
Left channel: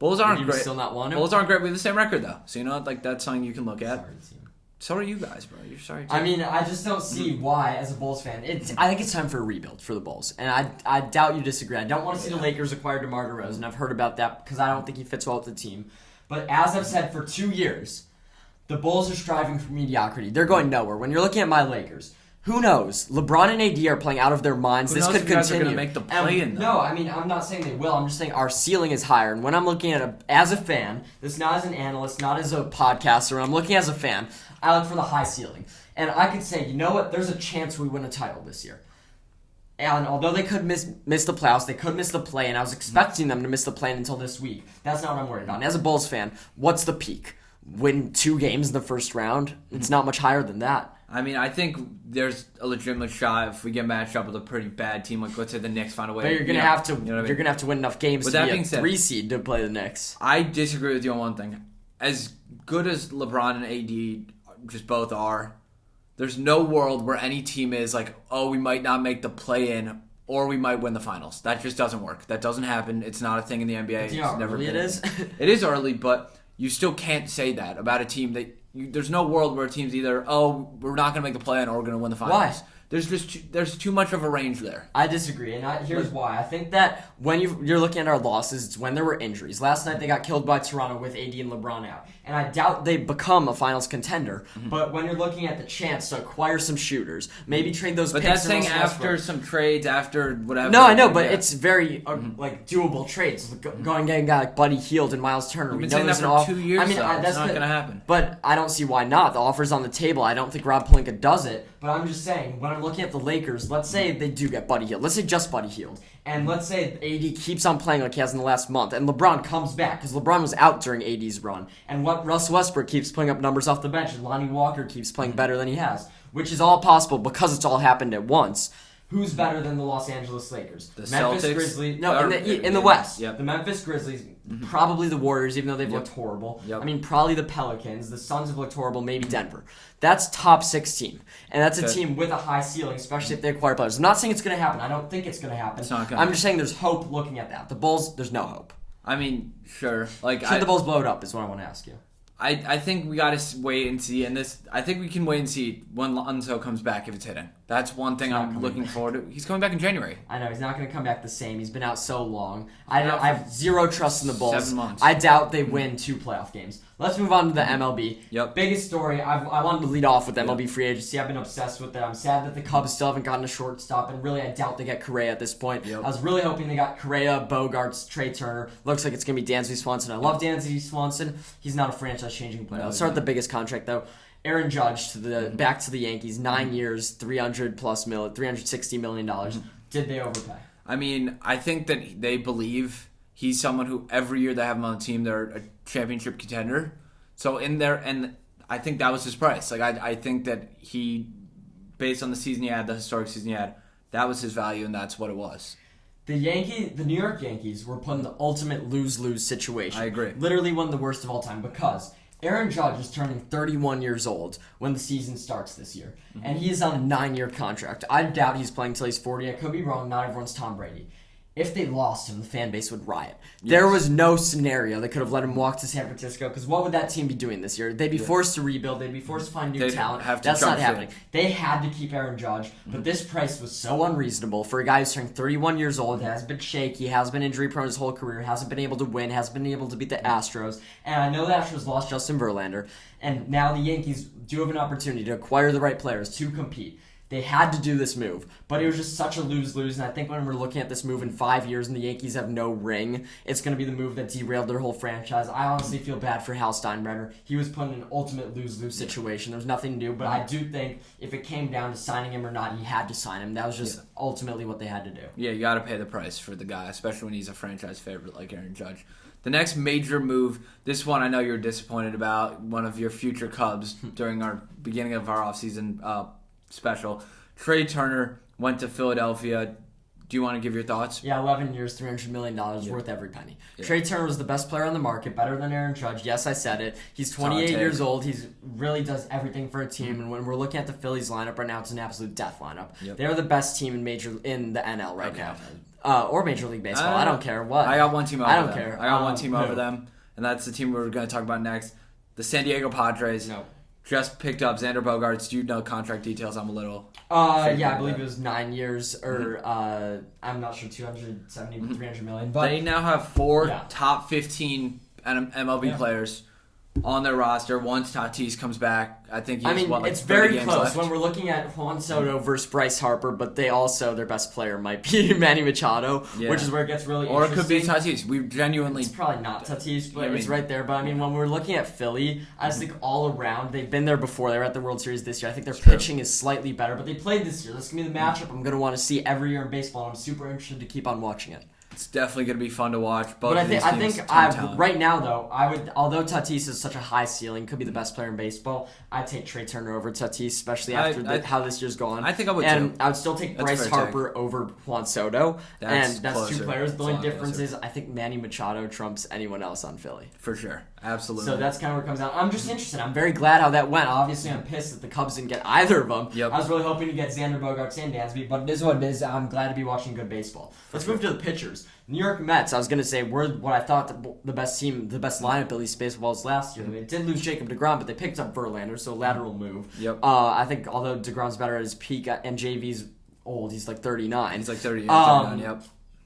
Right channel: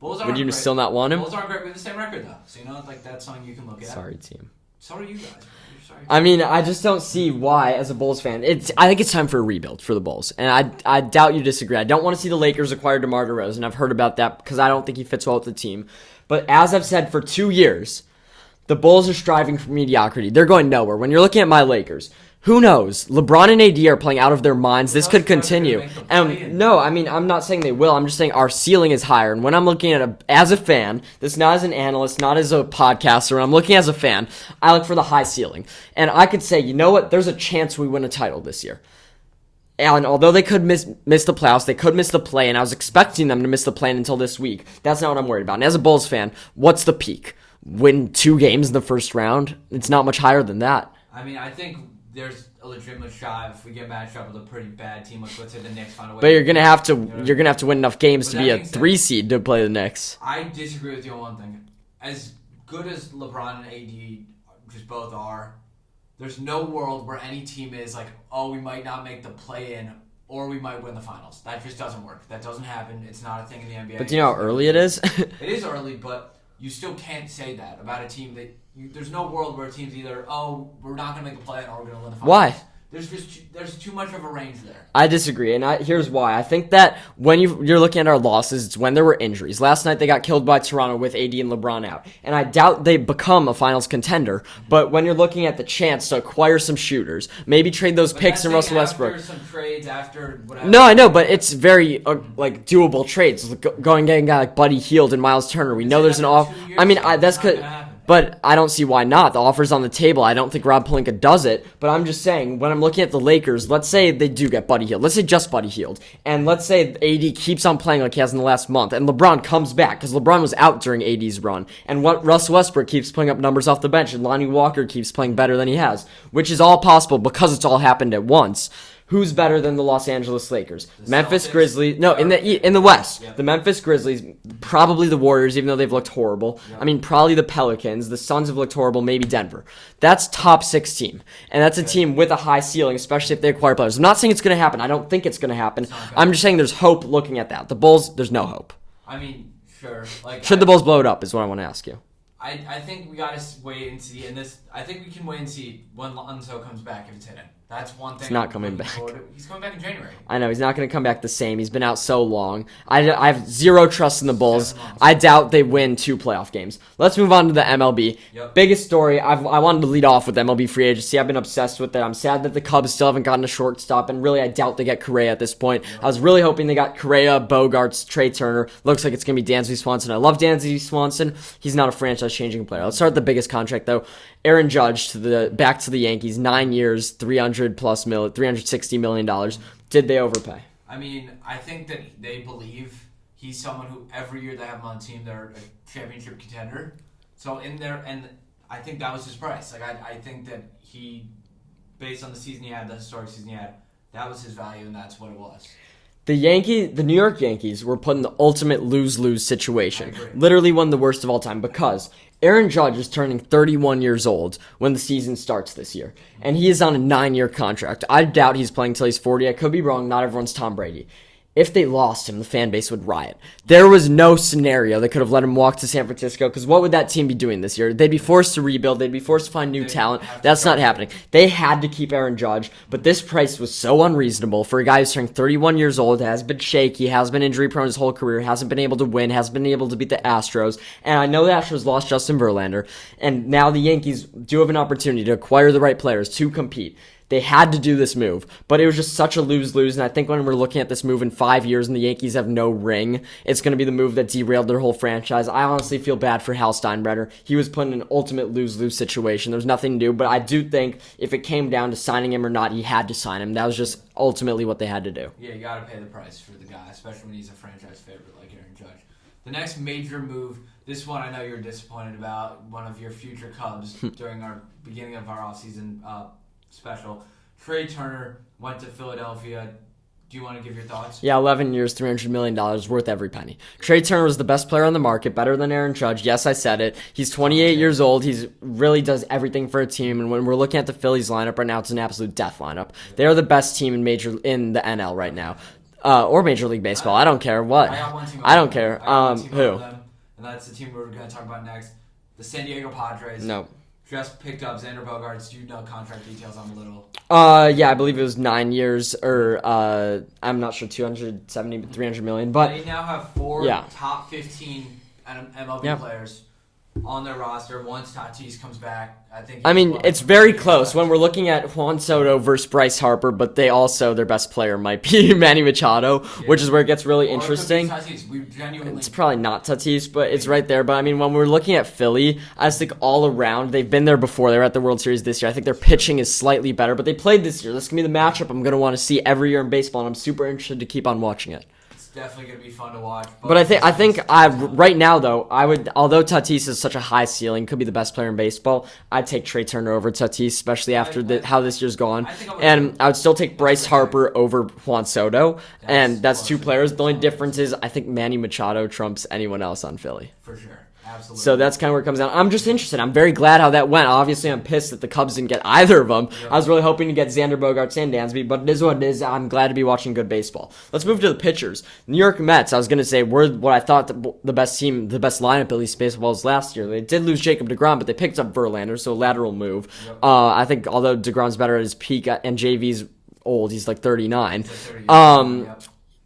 Bulls aren't great. Would you great. Still not want him? Bulls aren't great. We have the same record though, so that's something you can look at. Sorry, team. So are you guys, bro. You're sorry. I mean, I just don't see why, as a Bulls fan. I think it's time for a rebuild for the Bulls, and I doubt you disagree. I don't want to see the Lakers acquire DeMar DeRozan. I've heard about that because I don't think he fits well with the team. But as I've said for 2 years, the Bulls are striving for mediocrity. They're going nowhere. When you're looking at my Lakers, who knows? LeBron and AD are playing out of their minds. This could continue. No, I mean, I'm not saying they will. I'm just saying our ceiling is higher. And when I'm looking at as a fan, this not as an analyst, not as a podcaster, when I'm looking as a fan, I look for the high ceiling. And I could say, you know what? There's a chance we win a title this year. And although they could miss the playoffs, they could miss the play, and I was expecting them to miss the play until this week. That's not what I'm worried about. And as a Bulls fan, what's the peak? Win 2 games in the first round? It's not much higher than that. I mean, I think there's a legitimate shot if we get matched up with a pretty bad team, let's say the Knicks find a way. But you're gonna have to win enough games to be a 3 seed to play the Knicks. I disagree with you on one thing. As good as LeBron and AD just both are, there's no world where any team is like, oh, we might not make the play-in or we might win the finals. That just doesn't work. That doesn't happen. It's not a thing in the NBA. But do you know how early it is? It is early, but you still can't say that about a team that there's no world where a team's either, we're not going to make the play-in or we're going to win the finals. Why? There's too much of a range there. I disagree, and here's why. I think that when you're looking at our losses, it's when there were injuries. Last night they got killed by Toronto with AD and LeBron out, and I doubt they become a finals contender. But when you're looking at the chance to acquire some shooters, maybe trade those picks and Russell Westbrook. After some trades, after whatever. No, I know, but it's very doable trades. Going and getting a guy like Buddy Hield and Miles Turner. We know there's an offer. I mean, that's good, but I don't see why not. The offer's on the table. I don't think Rob Pelinka does it, but I'm just saying when I'm looking at the Lakers, let's say they do get Buddy Hield. Let's say just Buddy Hield. And let's say AD keeps on playing like he has in the last month. And LeBron comes back because LeBron was out during AD's run. And Russ Westbrook keeps putting up numbers off the bench. And Lonnie Walker keeps playing better than he has. Which is all possible because it's all happened at once. Who's better than the Los Angeles Lakers? The Memphis Celtics? Grizzlies. No, in the West. Yep. The Memphis Grizzlies, probably the Warriors, even though they've looked horrible. Yep. I mean, probably the Pelicans. The Suns have looked horrible. Maybe Denver. That's top 6 team. And that's a team with a high ceiling, especially if they acquire players. I'm not saying it's going to happen. I don't think it's going to happen. I'm just saying there's hope looking at that. The Bulls, there's no hope. I mean, sure. Should the Bulls blow it up is what I want to ask you. I think we got to wait and see. And I think we can wait and see when Lonzo comes back if it's hitting. That's one thing I'm looking forward to. He's coming back in January. I know, he's not going to come back the same. He's been out so long. I have zero trust in the Bulls. 7 months. I doubt they win 2 playoff games. Let's move on to the MLB. Yep. Biggest story, I wanted to lead off with MLB free agency. I've been obsessed with it. I'm sad that the Cubs still haven't gotten a shortstop, and really I doubt they get Correa at this point. Yep. I was really hoping they got Correa, Bogarts, Trey Turner. Looks like it's going to be Dansby Swanson. I love Dansby Swanson. He's not a franchise-changing player. Let's start with the biggest contract, though. Aaron Judge back to the Yankees, 9 years, $360 million. Did they overpay? I mean, I think that they believe he's someone who every year they have him on the team, they're a championship contender. So in there, and I think that was his price. I think that he, based on the season he had, the historic season he had, that was his value, and that's what it was. The New York Yankees were put in the ultimate lose-lose situation. I agree. Literally one of the worst of all time because Aaron Judge is turning 31 years old when the season starts this year, and he is on a 9-year contract. I doubt he's playing until he's 40. I could be wrong. Not everyone's Tom Brady. If they lost him, the fan base would riot. There was no scenario that could have let him walk to San Francisco, because what would that team be doing this year? They'd be forced to rebuild. They'd be forced to find new talent. That's not happening. They had to keep Aaron Judge, but this price was so unreasonable for a guy who's turning 31 years old, has been shaky, has been injury-prone his whole career, hasn't been able to win, hasn't been able to beat the Astros, and I know the Astros lost Justin Verlander, and now the Yankees do have an opportunity to acquire the right players to compete. They had to do this move, but it was just such a lose-lose, and I think when we're looking at this move in 5 years and the Yankees have no ring, it's going to be the move that derailed their whole franchise. I honestly feel bad for Hal Steinbrenner. He was put in an ultimate lose-lose situation. There was nothing to do, but I do think if it came down to signing him or not, he had to sign him. That was just ultimately what they had to do. Yeah, you got to pay the price for the guy, especially when he's a franchise favorite like Aaron Judge. The next major move, this one I know you're disappointed about, one of your future Cubs during our beginning of our offseason special. Trey Turner went to Philadelphia. Do you want to give your thoughts? Yeah, 11 years, $300 million, worth every penny. Yeah. Trey Turner was the best player on the market, better than Aaron Judge. Yes, I said it. He's 28 years old. He really does everything for a team. And when we're looking at the Phillies lineup right now, it's an absolute death lineup. Yep. They are the best team in the NL right now, or Major League Baseball. I don't care what. I got one team. I don't care. I got one team over them, and that's the team we're going to talk about next. The San Diego Padres. No. Just picked up Xander Bogaerts. Do you know contract details? I'm a little. Yeah, I believe it was 9 years, or I'm not sure, 270, 300 million. But they now have 4 top 15 MLB players on their roster. Once Tatis comes back, I think. It's very close when we're looking at Juan Soto versus Bryce Harper, but their best player might be Manny Machado, which is where it gets really interesting. It could be Tatis. We genuinely. It's probably not Tatis, but it's right there. But I mean, when we're looking at Philly, I just think all around they've been there before. They were at the World Series this year. I think their pitching is slightly better, but they played this year. This is gonna be the matchup I'm gonna want to see every year in baseball, and I'm super interested to keep on watching it. It's definitely going to be fun to watch. But I think right now though, although Tatis is such a high ceiling, could be the best player in baseball, I'd take Trey Turner over Tatis, especially after how this year's gone. I think I would. And I would still take Bryce Harper over Juan Soto, and that's 2 players. The only difference is I think Manny Machado trumps anyone else on Philly. For sure. Absolutely. So that's kind of where it comes down. I'm just interested. I'm very glad how that went. Obviously, I'm pissed that the Cubs didn't get either of them. Yep. I was really hoping to get Xander Bogaerts and Dansby, but it is what it is. I'm glad to be watching good baseball. Let's move to the pitchers. New York Mets, I was going to say, were what I thought the best team, the best lineup, at least baseball was last year. They did lose Jacob deGrom, but they picked up Verlander, so a lateral move. Yep. I think although deGrom's better at his peak and JV's old, he's like 39. He's like 39, yep.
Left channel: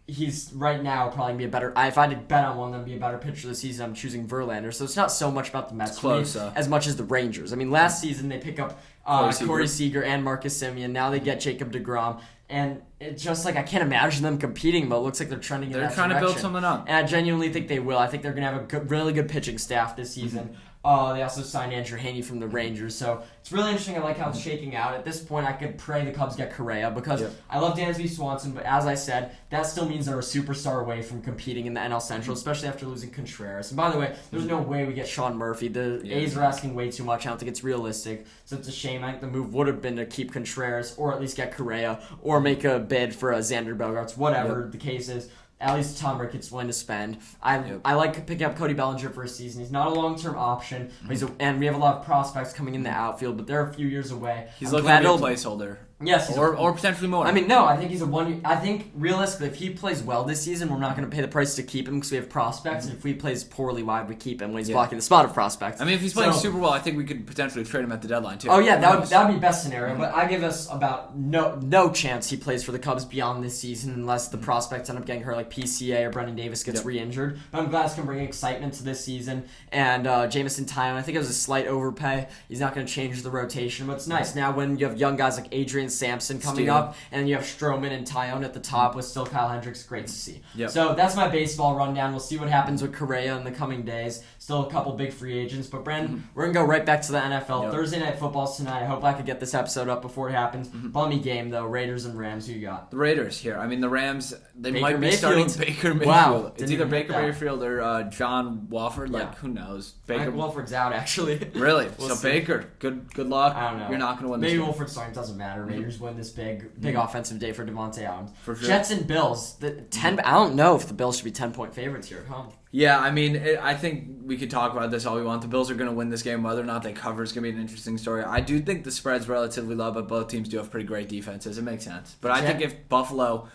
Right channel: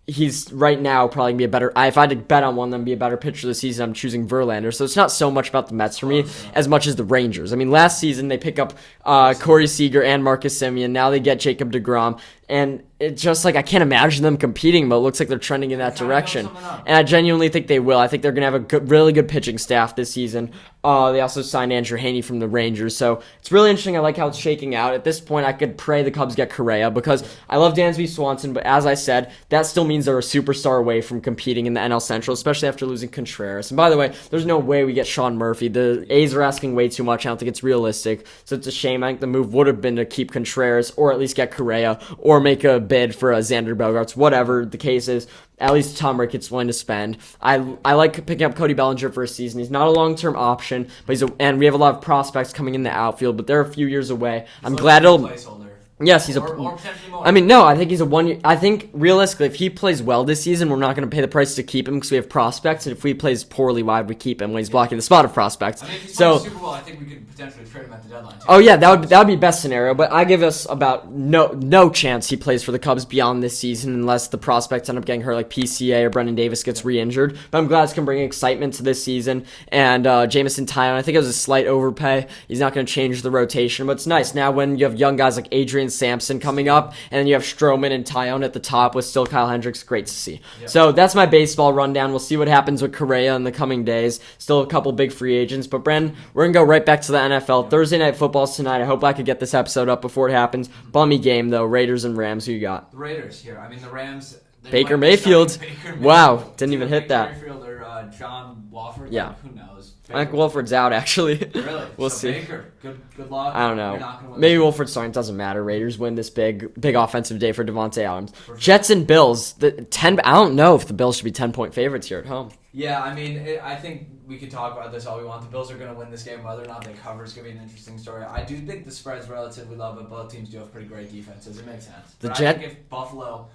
He's right now probably going to be a better... if I had to bet on one of them be a better pitcher this season, I'm choosing Verlander. So it's not so much about the Mets for me as much as the Rangers. I mean, last season they pick up Corey Seager and Marcus Semien. Now they get Jacob deGrom. And it's just like I can't imagine them competing, but it looks like they're trending in that direction. And I genuinely think they will. I think they're going to have a really good pitching staff this season. They also signed Andrew Heaney from the Rangers. So it's really interesting. I like how it's shaking out. At this point, I could pray the Cubs get Correa because I love Dansby Swanson. But as I said, that still means they're a superstar away from competing in the NL Central, especially after losing Contreras. And by the way, there's no way we get Sean Murphy. The A's are asking way too much. I don't think it's realistic. So it's a shame. I think the move would have been to keep Contreras or at least get Correa or make a bid for a Xander Bogaerts, whatever the case is. At least Tom Ricketts willing to spend. I like picking up Cody Bellinger for a season. He's not a long-term option, but and we have a lot of prospects coming in the outfield, but they're a few years away. I'm glad he'll placeholder. Yes, he's or potentially more. I mean, no, I think he's a 1 year. I think realistically, if he plays well this season, we're not going to pay the price to keep him because we have prospects. And if he plays poorly, why would we keep him when he's blocking the spot of prospects? I mean, if he's playing Super Bowl, I think we could potentially trade him at the deadline too. Oh yeah, that would be best scenario. But I give us about no chance he plays for the Cubs beyond this season unless the prospects end up getting hurt, like PCA or Brendan Davis gets re-injured. But I'm glad it's going to bring excitement to this season. And Jamison Tyone, I think it was a slight overpay. He's not going to change the rotation, but it's nice now when you have young guys like Adrian Sampson coming up, and then you have Stroman and Tyone at the top with still Kyle Hendricks. Great to see. Yep. So that's my baseball rundown. We'll see what happens with Correa in the coming days. Still a couple big free agents. But, Bren, we're going to go right back to the NFL. Yep. Thursday Night Football's tonight. I hope I could get this episode up before it happens. Bummy game, though. Raiders and Rams. Who you got? The Raiders here. I mean, the Rams... Baker Mayfield. Wow, didn't even hit that. Baker Mayfield or John Wolford. Who knows? I think Wolford's out, actually. Really? We'll see. Baker, good luck. I don't know. You're not going to win. Maybe Wolford's starting. Doesn't matter. Raiders win this big offensive day for Devontae Adams. For sure. Jets and Bills. I don't know if the Bills should be 10-point favorites here at home. Yeah, I mean, I think we could talk about this all we want. The Bills are going to win this game. Whether or not they cover is going to be an interesting story. I do think the spread's relatively low, but both teams do have pretty great defenses. It makes sense. But I think if Buffalo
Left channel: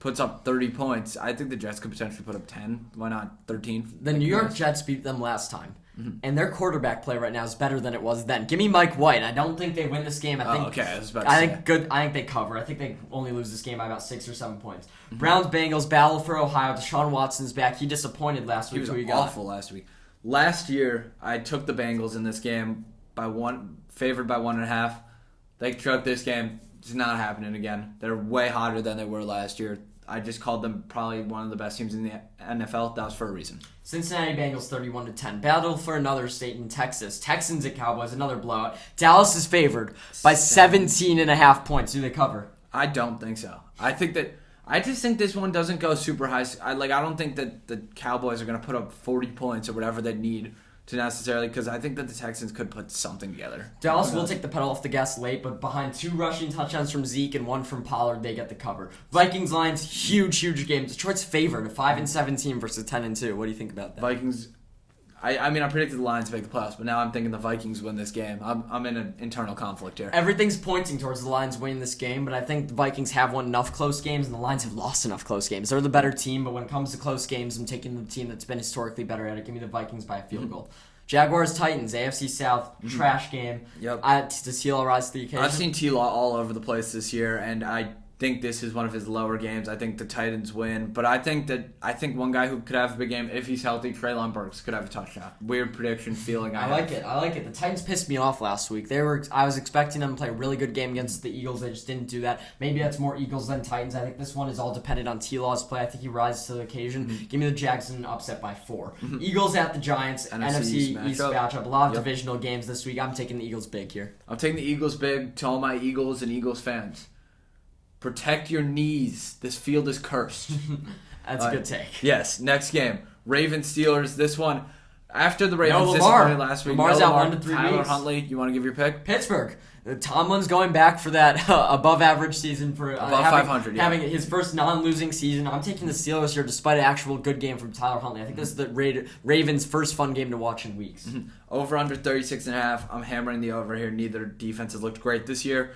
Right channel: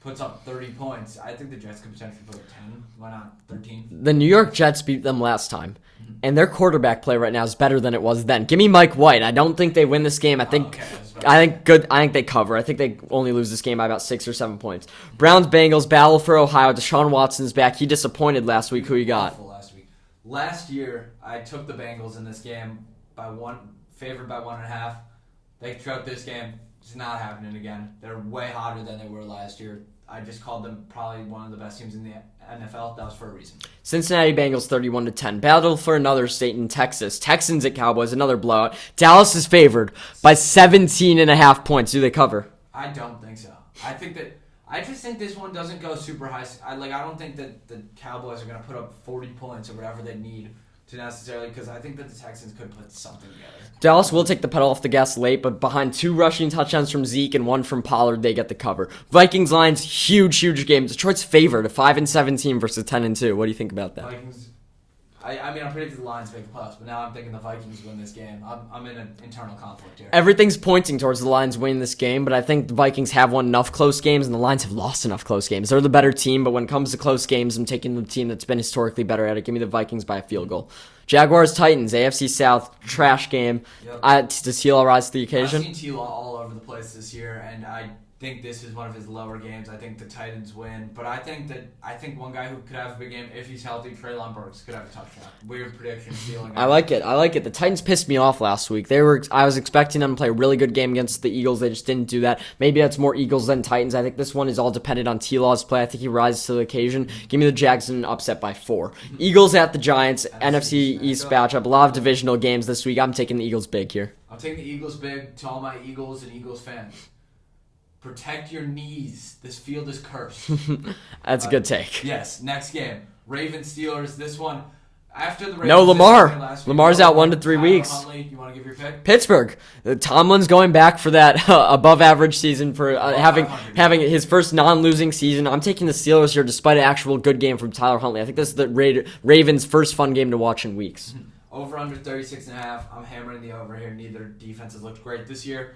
puts up 30 points, I think the Jets could potentially put up 10. Why not 13? The New York Jets beat them last time, and their quarterback play right now is better than it was then. Give me Mike White. I don't think they win this game. I think they cover. I think they only lose this game by about 6 or 7 points. Browns, Bengals, battle for Ohio. Deshaun Watson's back. He disappointed last week. Who you got? Awful last week. Last year, I took the Bengals in this game favored by 1.5. They took this game. It's not happening again. They're way hotter than they were last year. I just called them probably one of the best teams in the NFL. That was for a reason. Cincinnati Bengals 31-10. Battle for another state in Texas. Texans at Cowboys, another blowout. Dallas is favored by 17.5 points. Do they cover? I don't think so. I just think this one doesn't go super high. I don't think that the Cowboys are going to put up 40 points or whatever they need to necessarily, because I think that the Texans could put something together. Dallas will take the pedal off the gas late, but behind 2 rushing touchdowns from Zeke and 1 from Pollard, they get the cover. Vikings Lions, huge game. Detroit's favored, a 5-17 versus 10-2. What do you think about that? Vikings. I mean, I predicted the Lions to make the playoffs, but now I'm thinking the Vikings win this game. I'm in an internal conflict here. Everything's pointing towards the Lions winning this game, but I think the Vikings have won enough close games, and the Lions have lost enough close games. They're the better team, but when it comes to close games, I'm taking the team that's been historically better at it. Give me the Vikings by a field goal. Jaguars, Titans, AFC South, trash game. Yep. Does T-Law rise to the occasion? I've seen T-Law all over the place this year, and I think this is one of his lower games. I think the Titans win, but I think one guy who could have a big game if he's healthy, Treylon Burks, could have a touchdown. Weird prediction stealing. I like it. The Titans pissed me off last week. I was expecting them to play a really good game against the Eagles. They just didn't do that. Maybe that's more Eagles than Titans. I think this one is all dependent on T-Law's play. I think he rises to the occasion. Give me the Jags in an upset by 4. Eagles at the Giants, NFC East matchup. A lot of divisional games this week. I'm taking the Eagles big here. I'm taking the Eagles big. To all my Eagles and Eagles fans, protect your knees. This field is cursed. That's a good take. Yes. Next game. Ravens Steelers. This one, After the Ravens, No, Lamar. Last week, Lamar's out 1 to 3 Tyler weeks. Huntley, you want to give your pick? Pittsburgh. Tomlin's going back for that above-average season for having his first non-losing season. I'm taking the Steelers here despite an actual good game from Tyler Huntley. I think this is the Ravens' first fun game to watch in weeks. Over under 36.5. I'm hammering the over here. Neither defense has looked great this year.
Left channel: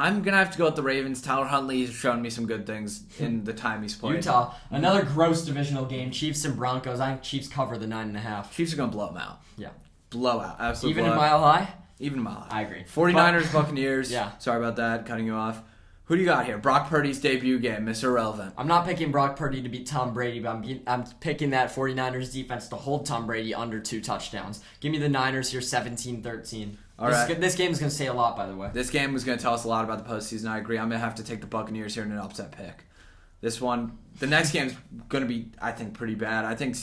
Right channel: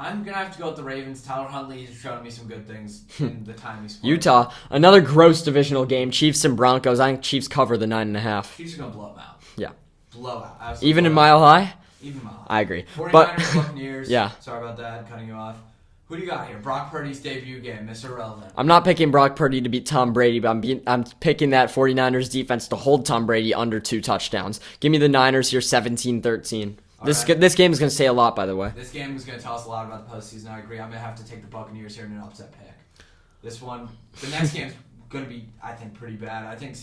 I'm going to have to go with the Ravens. Tyler Huntley has shown me some good things in the time he's played. Utah, another gross divisional game. Chiefs and Broncos. I think Chiefs cover the 9.5. Chiefs are going to blow them out. Yeah. Blowout. Absolutely. Even in Mile High? Even in Mile High. I agree. 49ers, Buccaneers. Yeah. Sorry about that, cutting you off. Who do you got here? Brock Purdy's debut game, Mr. Relevant. I'm not picking Brock Purdy to beat Tom Brady, but I'm picking that 49ers defense to hold Tom Brady under 2 touchdowns. Give me the Niners here 17-13. This game is going to say a lot, by the way. This game is going to tell us a lot about the postseason. I agree. I'm going to have to take the Buccaneers here in an upset pick. The next game is going to be, I think, pretty bad. I think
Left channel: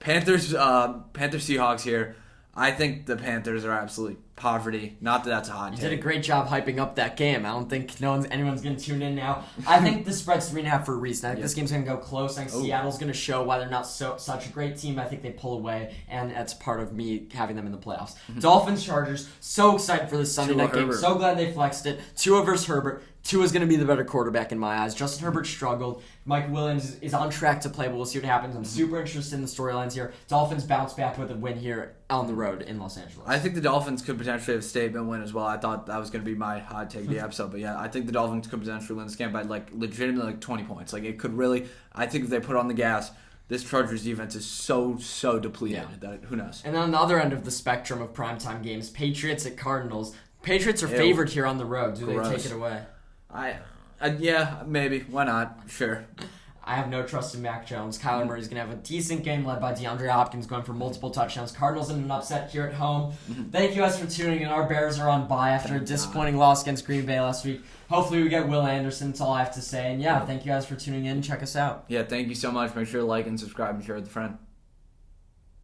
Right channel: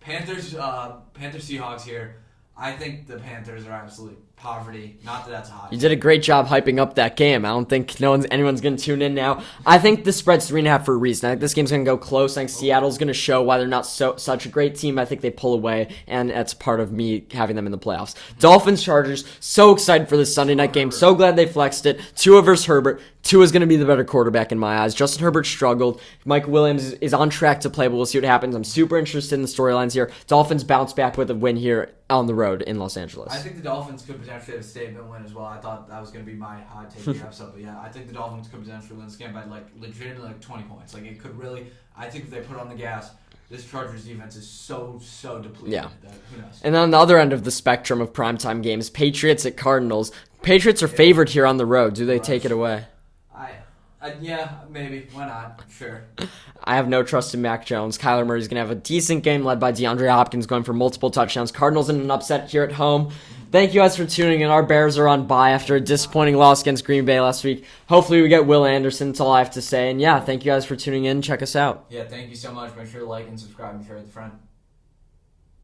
Panthers Seahawks here. I think the Panthers are absolute poverty. Not that that's a hot You take. did a great job hyping up that game. I don't think anyone's going to tune in now. I think the spread's 3.5 for a reason. I think this game's going to go close. I think Seattle's going to show why they're not such a great team. I think they pull away, and that's part of me having them in the playoffs. Dolphins, Chargers, so excited for this Sunday night game. Herbert. So glad they flexed it. Tua versus Herbert. Tua's going to be the better quarterback in my eyes. Justin Herbert struggled. Mike Williams is on track to play, but we'll see what happens. I'm super interested in the storylines here. Dolphins bounce back with a win here on the road in Los Angeles. I think the Dolphins could potentially have a statement win as well. I thought that was going to be my hot take of the episode, but yeah, I think the Dolphins could potentially win this game by legitimately 20 points. It could really. I think if they put on the gas, this Chargers defense is so depleted that who knows. And then on the other end of the spectrum of primetime games, Patriots at Cardinals. Patriots are favored here on the road. Do they take it away? Yeah, maybe. Why not? Sure. I have no trust in Mac Jones. Kyler Murray's going to have a decent game led by DeAndre Hopkins going for multiple touchdowns. Cardinals in an upset here at home. Thank you guys for tuning in. Our Bears are on bye after a disappointing loss against Green Bay last week. Hopefully we get Will Anderson. That's all I have to say. And yeah, thank you guys for tuning in. Check us out. Yeah, thank you so much. Make sure to like and subscribe and share with a friend.